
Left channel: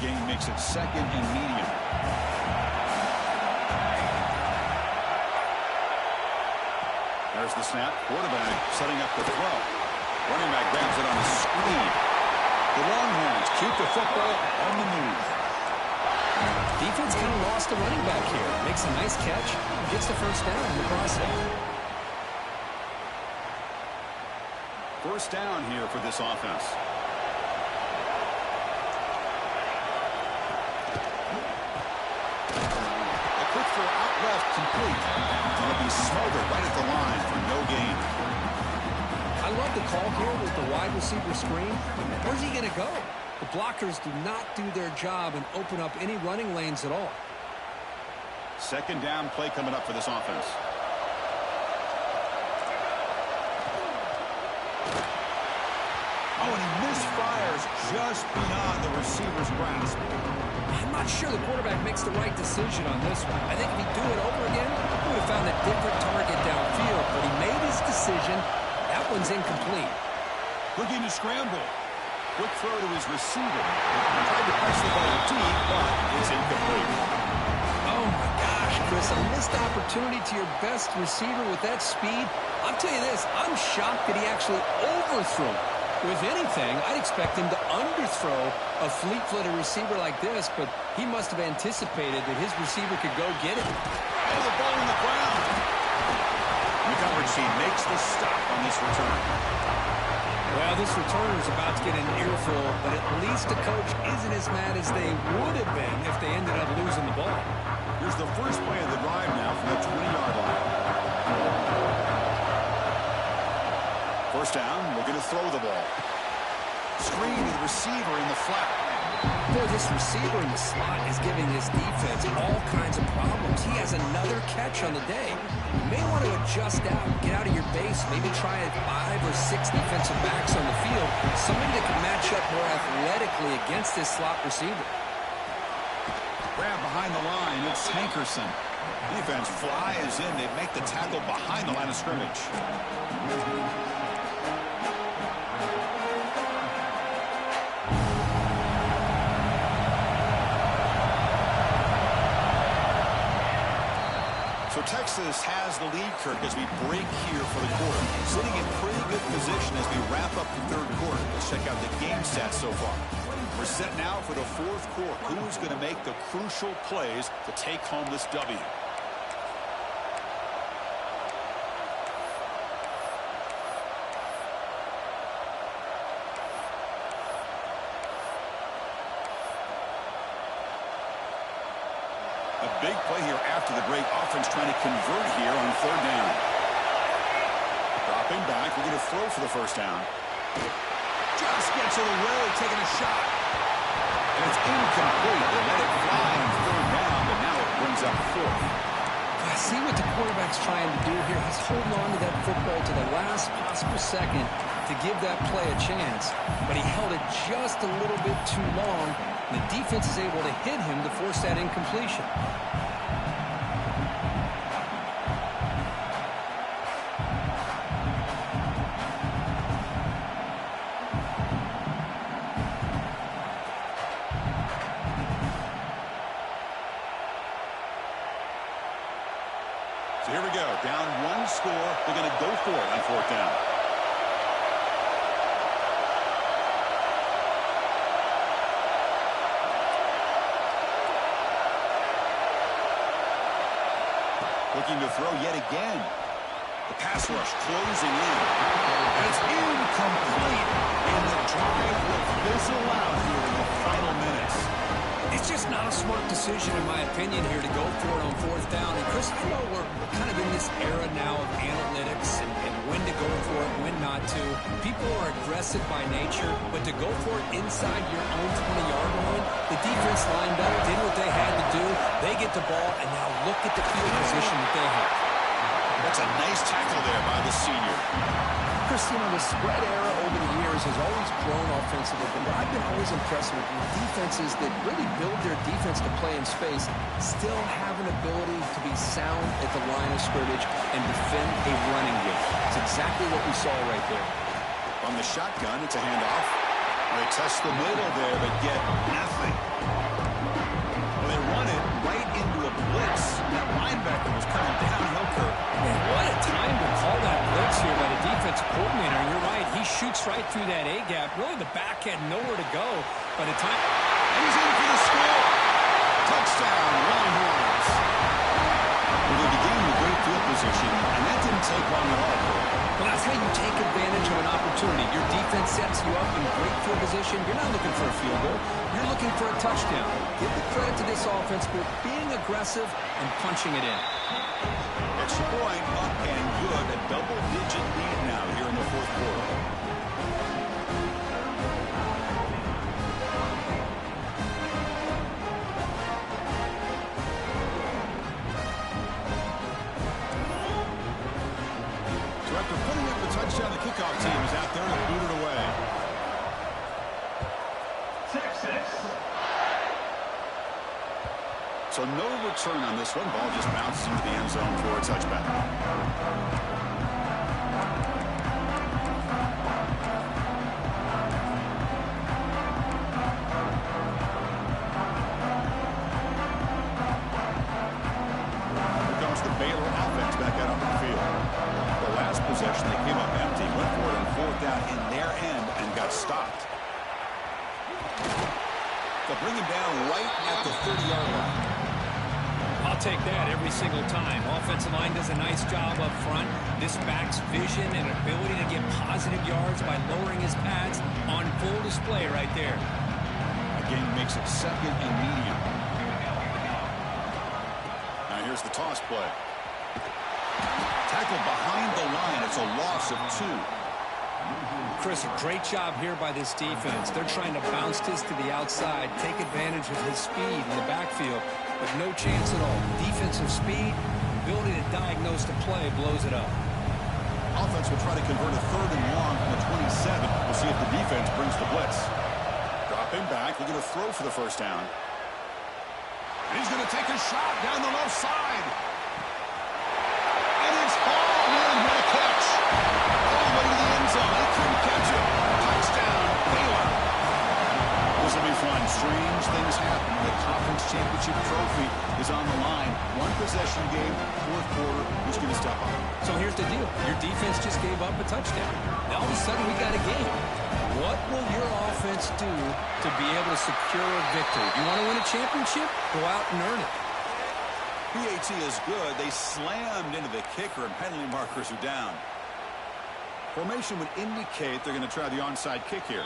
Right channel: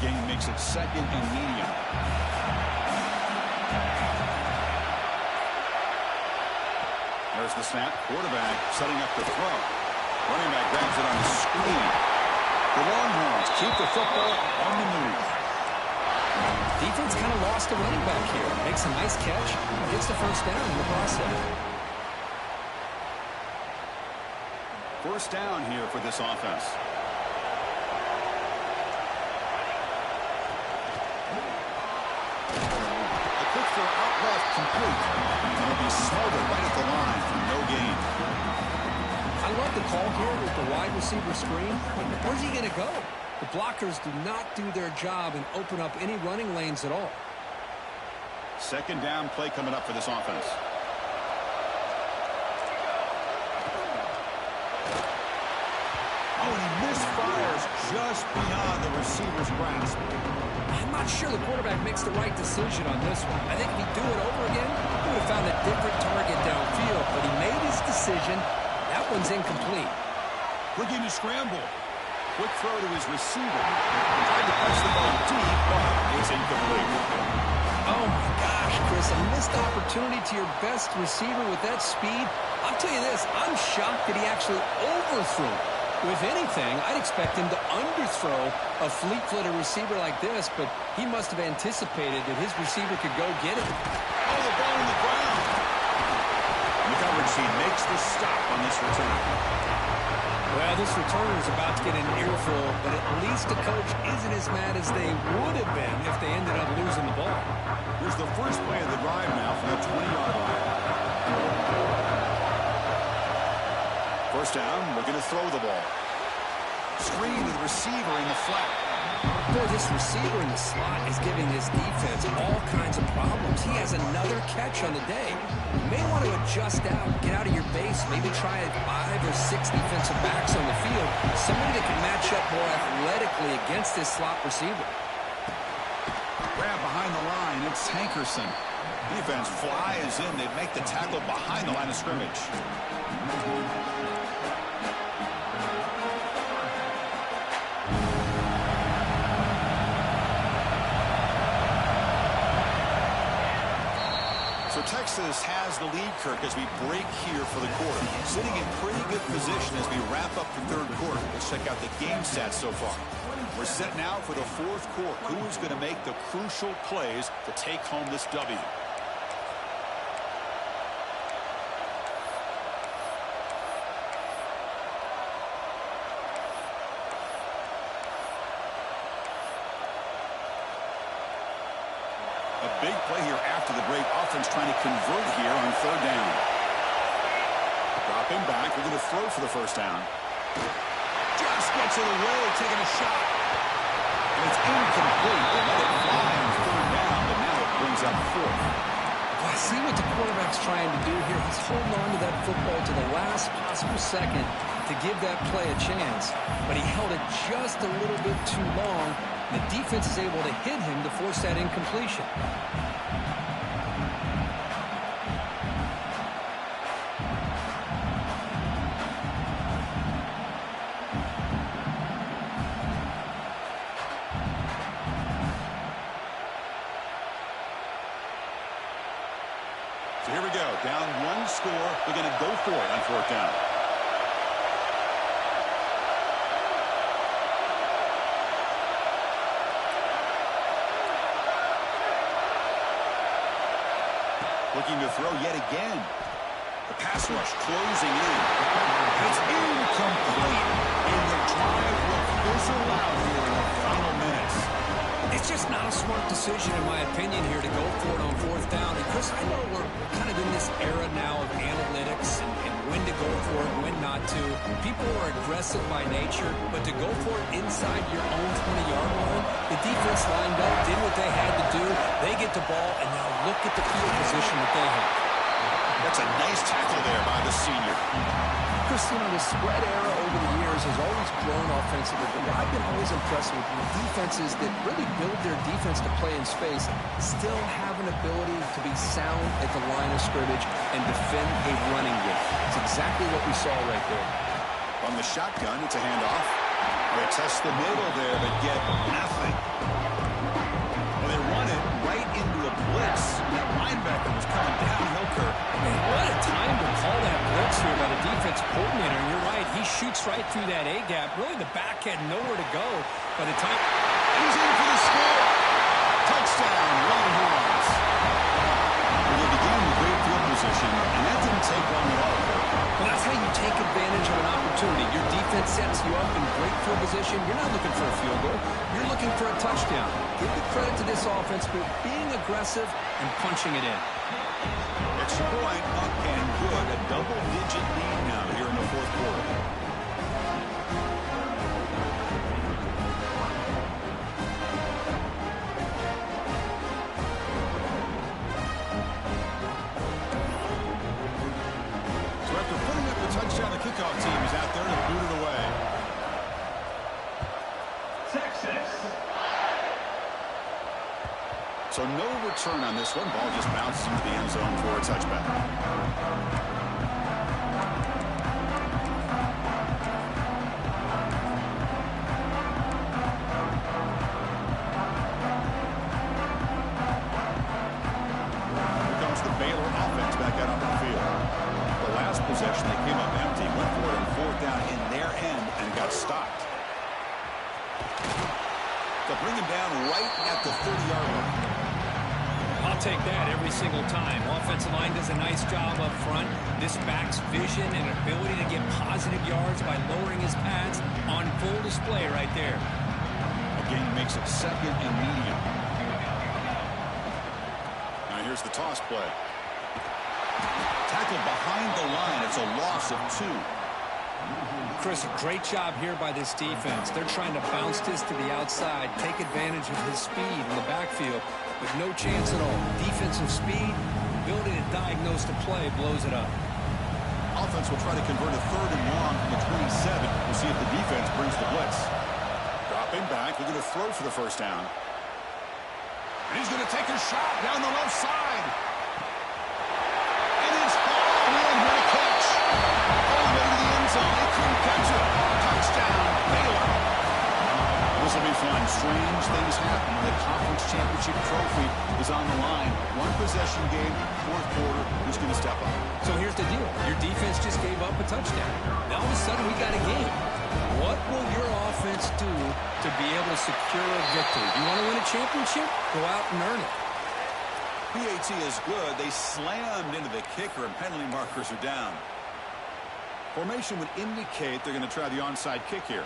Gain makes it 2nd and medium. There's the snap. Quarterback setting up the throw. Running back grabs it on the screen. The Longhorns keep the football on the move. Defense kind of lost a running back here. Makes a nice catch and gets the first down in the process. First down here for this offense. Quick throw out left, complete. And it'll be smothered right at the line for no gain. I love the call here with the wide receiver screen, but where's he going to go? The blockers do not do their job and open up any running lanes at all. 2nd down play coming up for this offense. Oh, and he misfires just beyond the receiver's grasp. I'm not sure the quarterback makes the right decision on this one. I think if he'd do it over again, he would have found a different target downfield, but he made his decision. That one's incomplete. Looking to scramble. Quick throw to his receiver. Tried to press the ball deep, but it's incomplete. Oh, my gosh, Chris, a missed opportunity to your best receiver with that speed. I'll tell you this, I'm shocked that he actually overthrew. With anything, I'd expect him to underthrow a fleet-footed receiver like this, but he must have anticipated that his receiver could go get it. Oh, the ball in the ground. The coverage team makes the stop on this return. Well, this returner is about to get an earful, but at least the coach isn't as mad as they would have been if they ended up losing the ball. Here's the first play of the drive now from the 20-yard line. First down, looking to throw the ball. Screen to the receiver in the flat. Boy, this receiver in the slot is giving his defense all kinds of problems. He has another catch on the day. You may want to adjust out, get out of your base, maybe try 5 or 6 defensive backs on the field. Somebody that can match up more athletically against this slot receiver. Grab behind the line, it's Hankerson. Defense flies in. They make the tackle behind the line of scrimmage. So Texas has the lead, Kirk, as we break here for the quarter. Sitting in pretty good position as we wrap up the 3rd quarter. Let's check out the game stats so far. We're set now for the 4th quarter. Who is going to make the crucial plays to take home this W? A big play here after the break. Offense trying to convert here on 3rd down. Dropping back. We're going to throw for the first down. Just gets it away, taking a shot. And it's incomplete. They let it fly on 3rd down, but now it brings up 4th. I see what the quarterback's trying to do here. He's holding on to that football to the last possible second to give that play a chance. But he held it just a little bit too long. The defense is able to hit him to force that incompletion. So here we go. Down 1 score. They're going to go for it on 4th down. Looking to throw yet again. The pass rush closing in. And it's incomplete. And the drive will fizzle out here in the final minutes. It's just Just not a smart decision, in my opinion, here to go for it on fourth down. And, Chris, I know we're kind of in this era now of analytics and when to go for it, when not to. People are aggressive by nature, but to go for it inside your own 20-yard line, the defense lined up, did what they had to do. They get the ball, and now look at the field position that they have. That's a nice tackle there by the senior. Chris, you know, the spread era over the years has always grown offensively, but what I've been always impressed with defenses that really build their defense to play in space still have an ability to be sound at the line of scrimmage and defend a running game. It's exactly what we saw right there. From the shotgun, it's a handoff. Well, they test the middle there, but get nothing. Well, they run it right into a blitz. That linebacker was coming downhill, Kirk. Man, what a time to call that blitz here by the defensive coordinator. And you're right, he shoots right through that A-gap. Really, the back had nowhere to go by the time. And he's in for the score. Touchdown, Longhorns. Well, they began with great field position, and that didn't take long at all, Kirk. Well, that's how you take advantage of an opportunity. Your defense sets you up in great field position. You're not looking for a field goal. You're looking for a touchdown. Give the credit to this offense for being aggressive and punching it in. Extra point, up and good. A double-digit lead now here in the fourth quarter. So after putting up the touchdown, the kickoff team is out there to boot it away. So no return on this one. Ball just bounces into the end zone for a touchback. Here comes the Baylor offense back out onto the field. The last possession, they came up empty, went for it on fourth down in their end and got stopped. They'll bring him down right at the 30-yard line. I'll take that every single time. Offensive line does a nice job up front. This back's vision and ability to get positive yards by lowering his pads on full display right there. Again, he makes it second and medium. Now here's the toss play. Tackle behind the line. It's a loss of 2. Chris, a great job here by this defense. They're trying to bounce this to the outside, take advantage of his speed in the backfield, but no chance at all. Defensive speed, ability to diagnose the play, blows it up. Offense will try to convert a 3rd and long from the 27. We'll see if the defense brings the blitz. Dropping back, looking to throw for the first down. And he's going to take a shot down the left side. And it's Hall. Man, what a catch. All the way to the end zone. They couldn't catch it. Touchdown, Baylor. This will be fun. Strange things happen when the conference championship trophy is on the line. One possession game, fourth quarter. Who's going to step up? So here's the deal. Your defense just gave up a touchdown. Now all of a sudden we got a game. What will your offense do to be able to secure a victory? You want to win a championship? Go out and earn it. PAT is good. They slammed into the kicker and penalty markers are down. Formation would indicate they're going to try the onside kick here.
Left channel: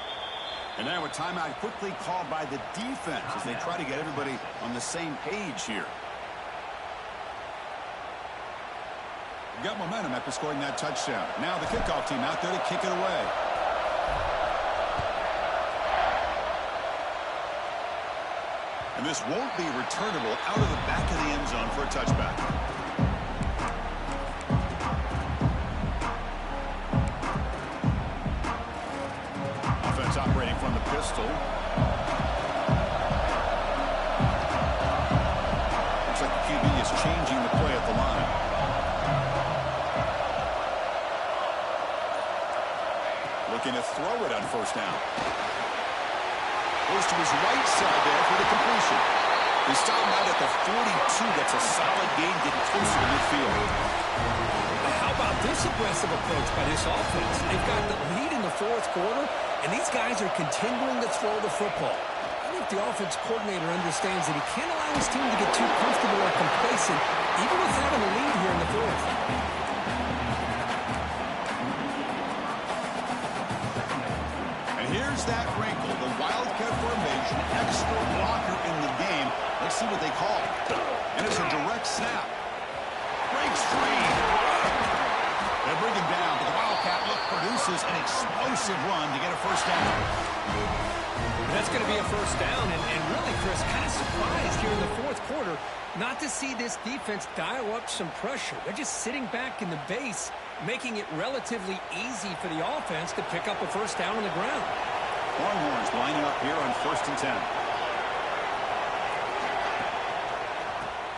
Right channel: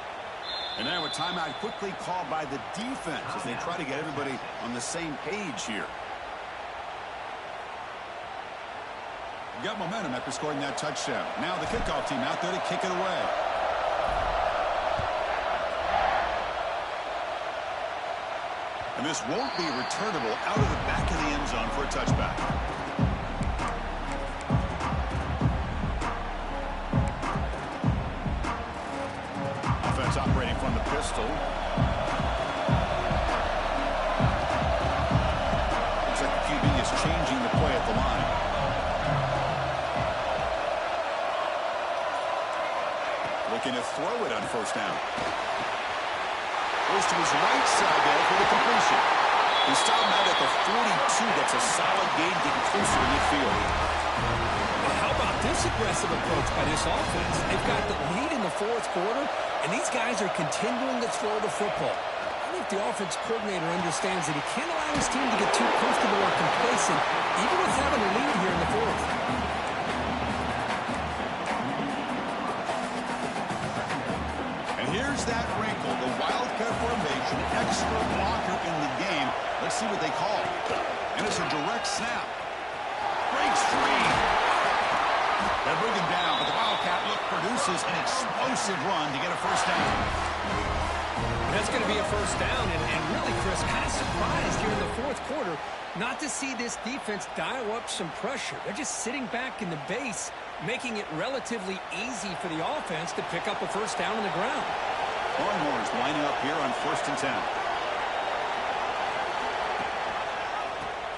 And now a timeout quickly called by the defense as they try to get everybody on the same page here. Got momentum after scoring that touchdown. Now the kickoff team out there to kick it away. And this won't be returnable out of the back of the end zone for a touchback. Offense operating from the pistol. Looks like the QB is changing the play at the line. Looking to throw it on first down. Goes to his right side there for the completion. He's stopping out at the 42. That's a solid gain, getting closer to midfield. Well, how about this aggressive approach by this offense? They've got the lead in the fourth quarter, and these guys are continuing to throw the football. I think the offense coordinator understands that he can't allow his team to get too comfortable or complacent, even with having the lead here in the fourth. Here's that wrinkle, the Wildcat formation, extra blocker in the game. Let's see what they call. And it's a direct snap. Breaks free. They bring him down, but the Wildcat look produces an explosive run to get a first down. That's going to be a first down, and really, Chris, kind of surprised here in the fourth quarter not to see this defense dial up some pressure. They're just sitting back in the base, making it relatively easy for the offense to pick up a first down on the ground. Longhorns lining up here on 1st and 10.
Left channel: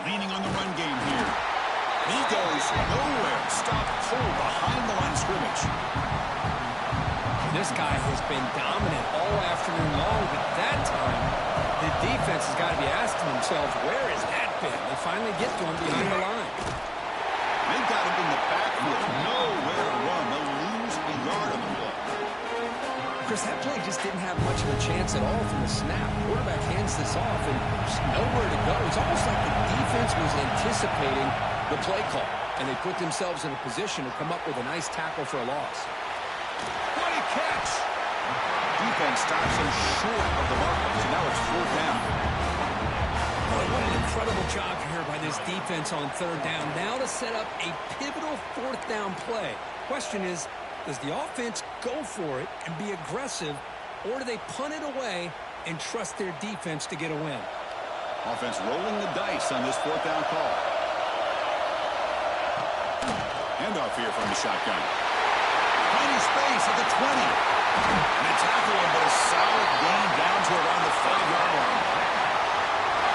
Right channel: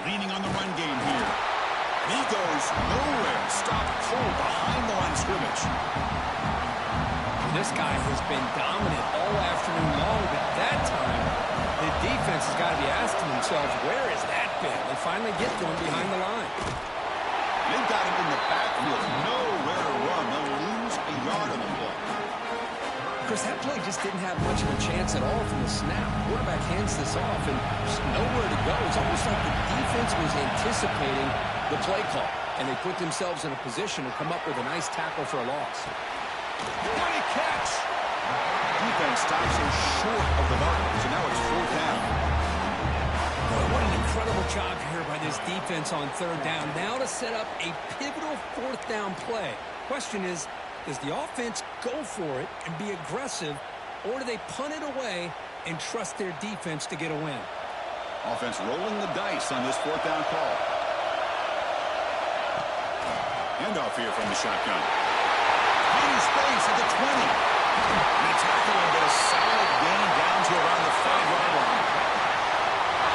Leaning on the run game here. He goes nowhere. Stopped cold behind the line of scrimmage. This guy has been dominant all afternoon long, but that time, the defense has got to be asking themselves, where has that been? They finally get to him behind the line. They've got him in the backfield. Nowhere to run. They'll lose a yard on the play. Chris, that play just didn't have much of a chance at all from the snap. Quarterback hands this off, and just nowhere to go. It's almost like the defense was anticipating the play call, and they put themselves in a position to come up with a nice tackle for a loss. What a catch! Defense stops him short of the marker, so now it's 4th down. Boy, what an incredible job here by this defense on 3rd down. Now to set up a pivotal 4th down play. Question is, does the offense go for it and be aggressive, or do they punt it away and trust their defense to get a win? Offense rolling the dice on this 4th down call. Handoff here from the shotgun. Tiny space at the 20. And they tackle him, but a solid gain down to around the 5-yard line.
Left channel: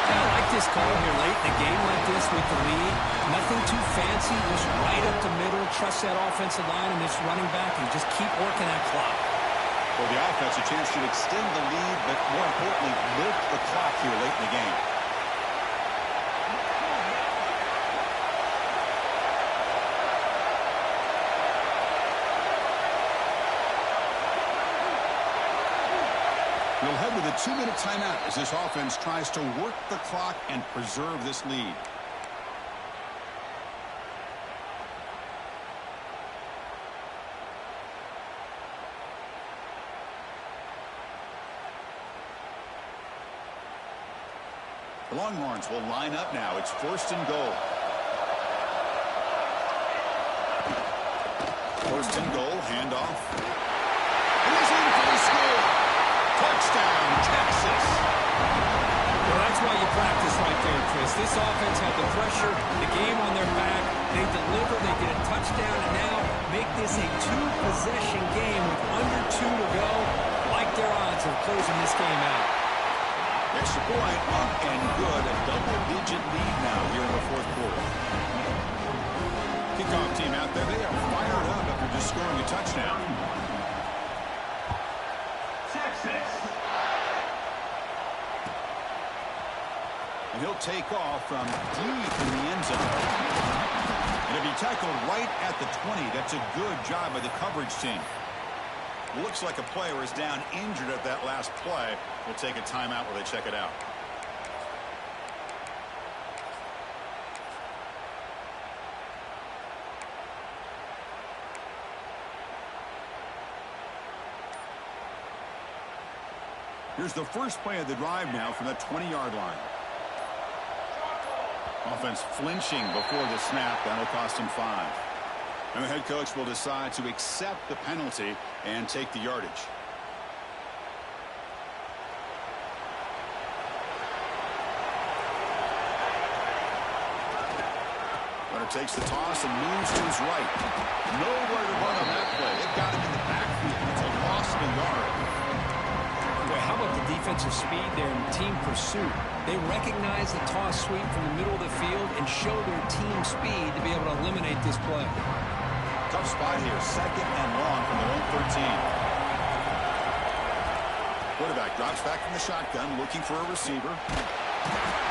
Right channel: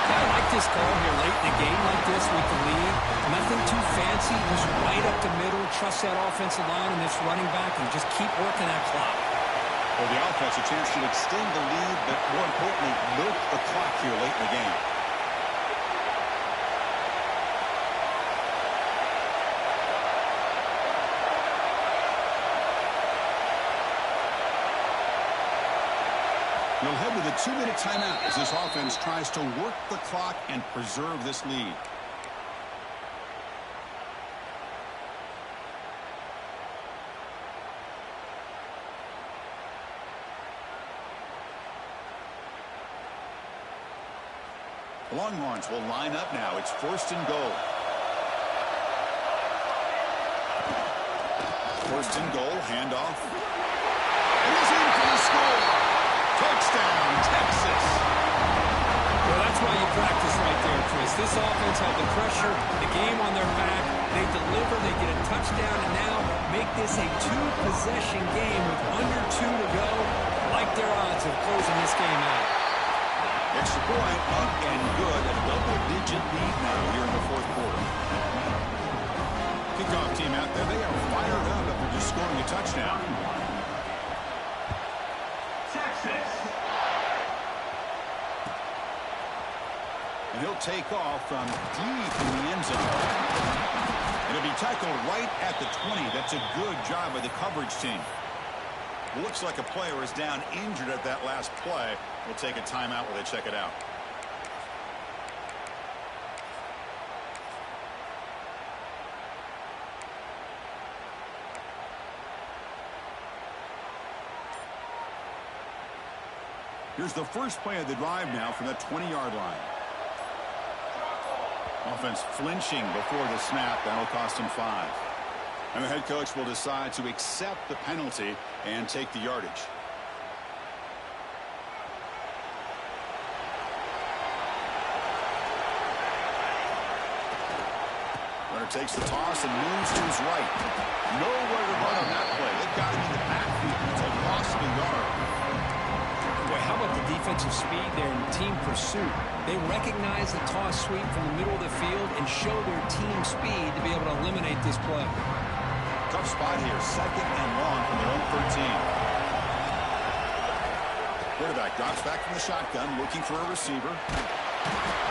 I like this call here late in a game like this with the lead. Nothing too fancy, just right up the middle. Trust that offensive line and this running back and just keep working that clock. For the offense, a chance to extend the lead, but more importantly, milk the clock here late in the game. We'll head with a 2-minute timeout as this offense tries to work the clock and preserve this lead. The Longhorns will line up now. It's 1st and goal. 1st and goal, handoff. And he's in for the score. Touchdown, Texas. Well, that's why you practice right there, Chris. This offense had the pressure, the game on their back. They deliver, they get a touchdown, and now make this a 2-possession game with under 2 to go. Like their odds of closing this game out. Extra point up and good. A double-digit lead now here in the 4th quarter. Kickoff team out there. They are fired up after just scoring a touchdown. And he'll take off from deep in the end zone. And it'll be tackled right at the 20. That's a good job by the coverage team. Looks like a player is down injured at that last play. We'll take a timeout while they check it out. Here's the first play of the drive now from the 20-yard line. Offense flinching before the snap. That'll cost him 5. And the head coach will decide to accept the penalty and take the yardage. Runner takes the toss and moves to his right. Nowhere to run on that play. They've got him in the backfield. It's a loss of a yard. Boy, how about the defensive speed there in team pursuit? They recognize the toss sweep from the middle of the field and show their team speed to be able to eliminate this play. Tough spot here. 2nd and long from their own 13. Quarterback drops back from the shotgun, looking for a receiver.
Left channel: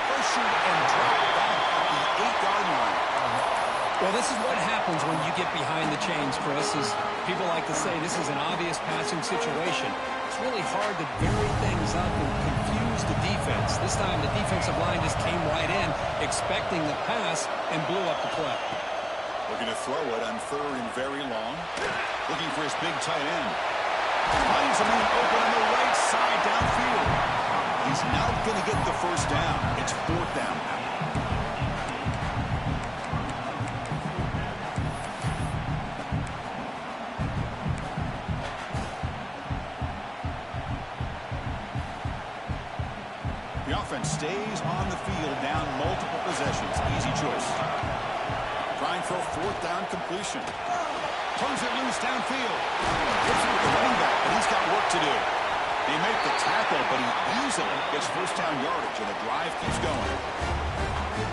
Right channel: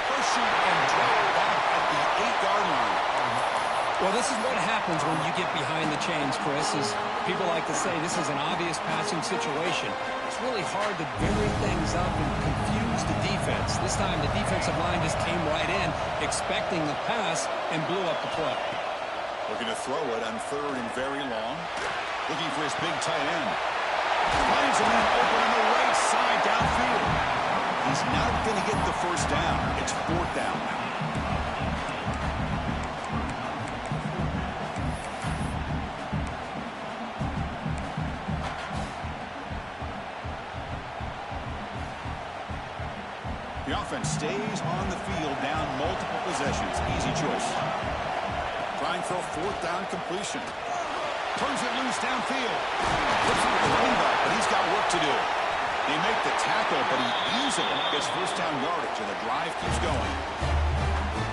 Pursued and dropped back at the 8-yard line. Well, this is what happens when you get behind the chains, Chris. As people like to say, this is an obvious passing situation. It's really hard to vary things up and confuse the defense. This time, the defensive line just came right in, expecting the pass, and blew up the play. Looking to throw it on 3rd and very long. Looking for his big tight end. Finds a man open on the right side downfield. He's not going to get the first down. It's 4th down now. The offense stays on the field down multiple possessions. Easy choice. Trying for a 4th down completion. Turns it loose downfield. Flips it to the running back, but he's got work to do. They make the tackle, but he easily gets first down yardage, and the drive keeps going.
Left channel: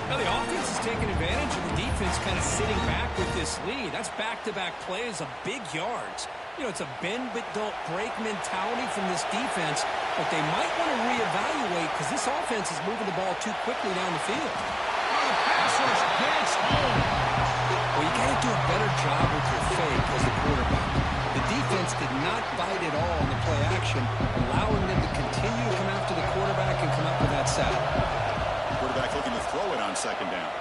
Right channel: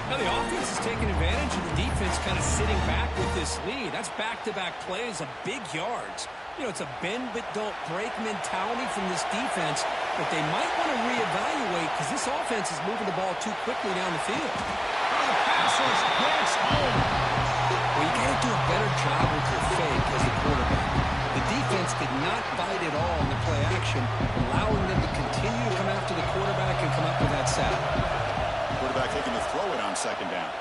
Now the offense is taking advantage of the defense kind of sitting back with this lead. That's back-to-back plays of big yards. You know, it's a bend-but-don't-break mentality from this defense, but they might want to reevaluate because this offense is moving the ball too quickly down the field. Oh, the pass rush gets home. Well, you got to do a better job with your fake as the quarterback. The defense did not bite at all in the play action, allowing them to continue to come after the quarterback and come up with that sack. Quarterback looking to throw it on 2nd down.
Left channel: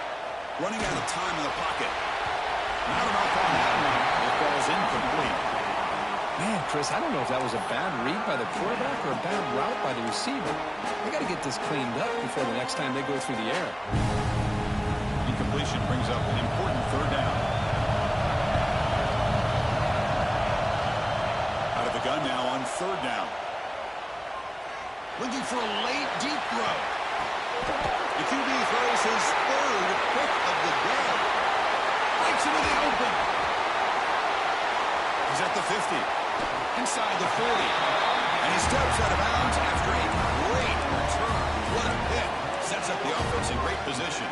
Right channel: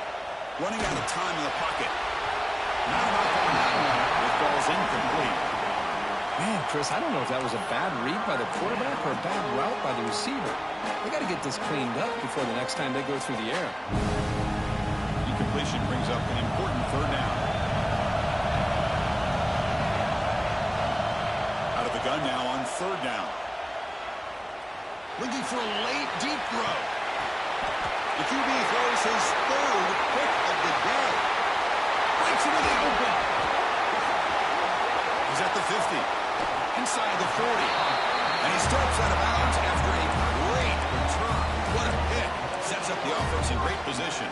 Running out of time in the pocket. Not enough on that one. It falls incomplete. Man, Chris, I don't know if that was a bad read by the quarterback or a bad route by the receiver. They got to get this cleaned up before the next time they go through the air. Incompletion brings up an important 3rd down. Out of the gun now on 3rd down. Looking for a late deep throw. The QB throws his 3rd pick of the day. Breaks into the open. He's at the 50. Inside the 40. And he steps out of bounds after a great return. What a pick. Sets up the offense in great position.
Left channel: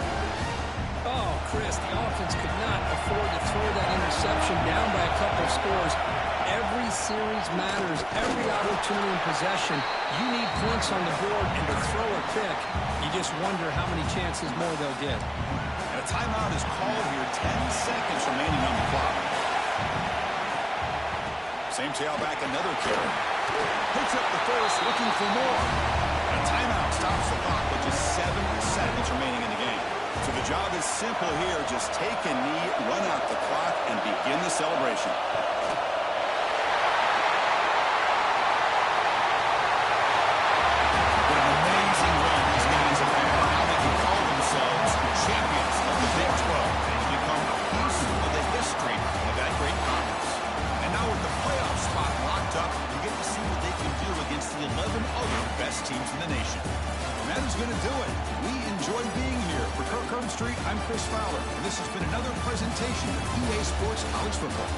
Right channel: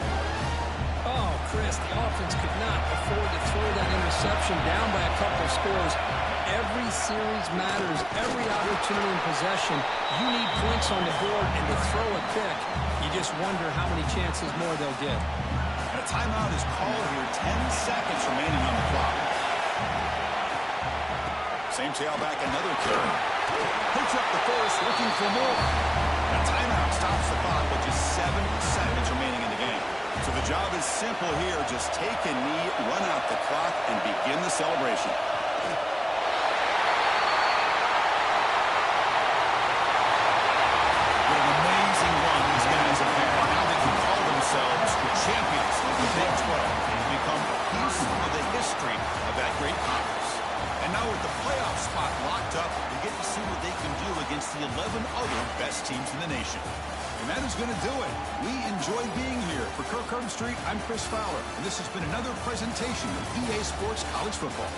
Oh, Chris, the offense could not afford to throw that interception down by a couple of scores. Every series matters. Every opportunity in possession, you need points on the board, and to throw a pick, you just wonder how many chances more they'll get. And a timeout is called here. 10 seconds remaining on the clock. Same tailback, another carry. Picks up the first, looking for more. And a timeout stops the clock with just 7 seconds remaining in the game. So the job is simple here. Just take a knee, run out the clock, and begin the celebration. What an amazing run these guys have had. Now they can call themselves champions of the Big 12 and become a piece of the history of that great conference. And now with the playoff spot locked up, we get to see what they can do against the 11 other best teams in the nation. And that is going to do it. We enjoy being here. For Kirk Herbstreit, I'm Chris Fowler, and this has been another presentation of EA Sports College Football.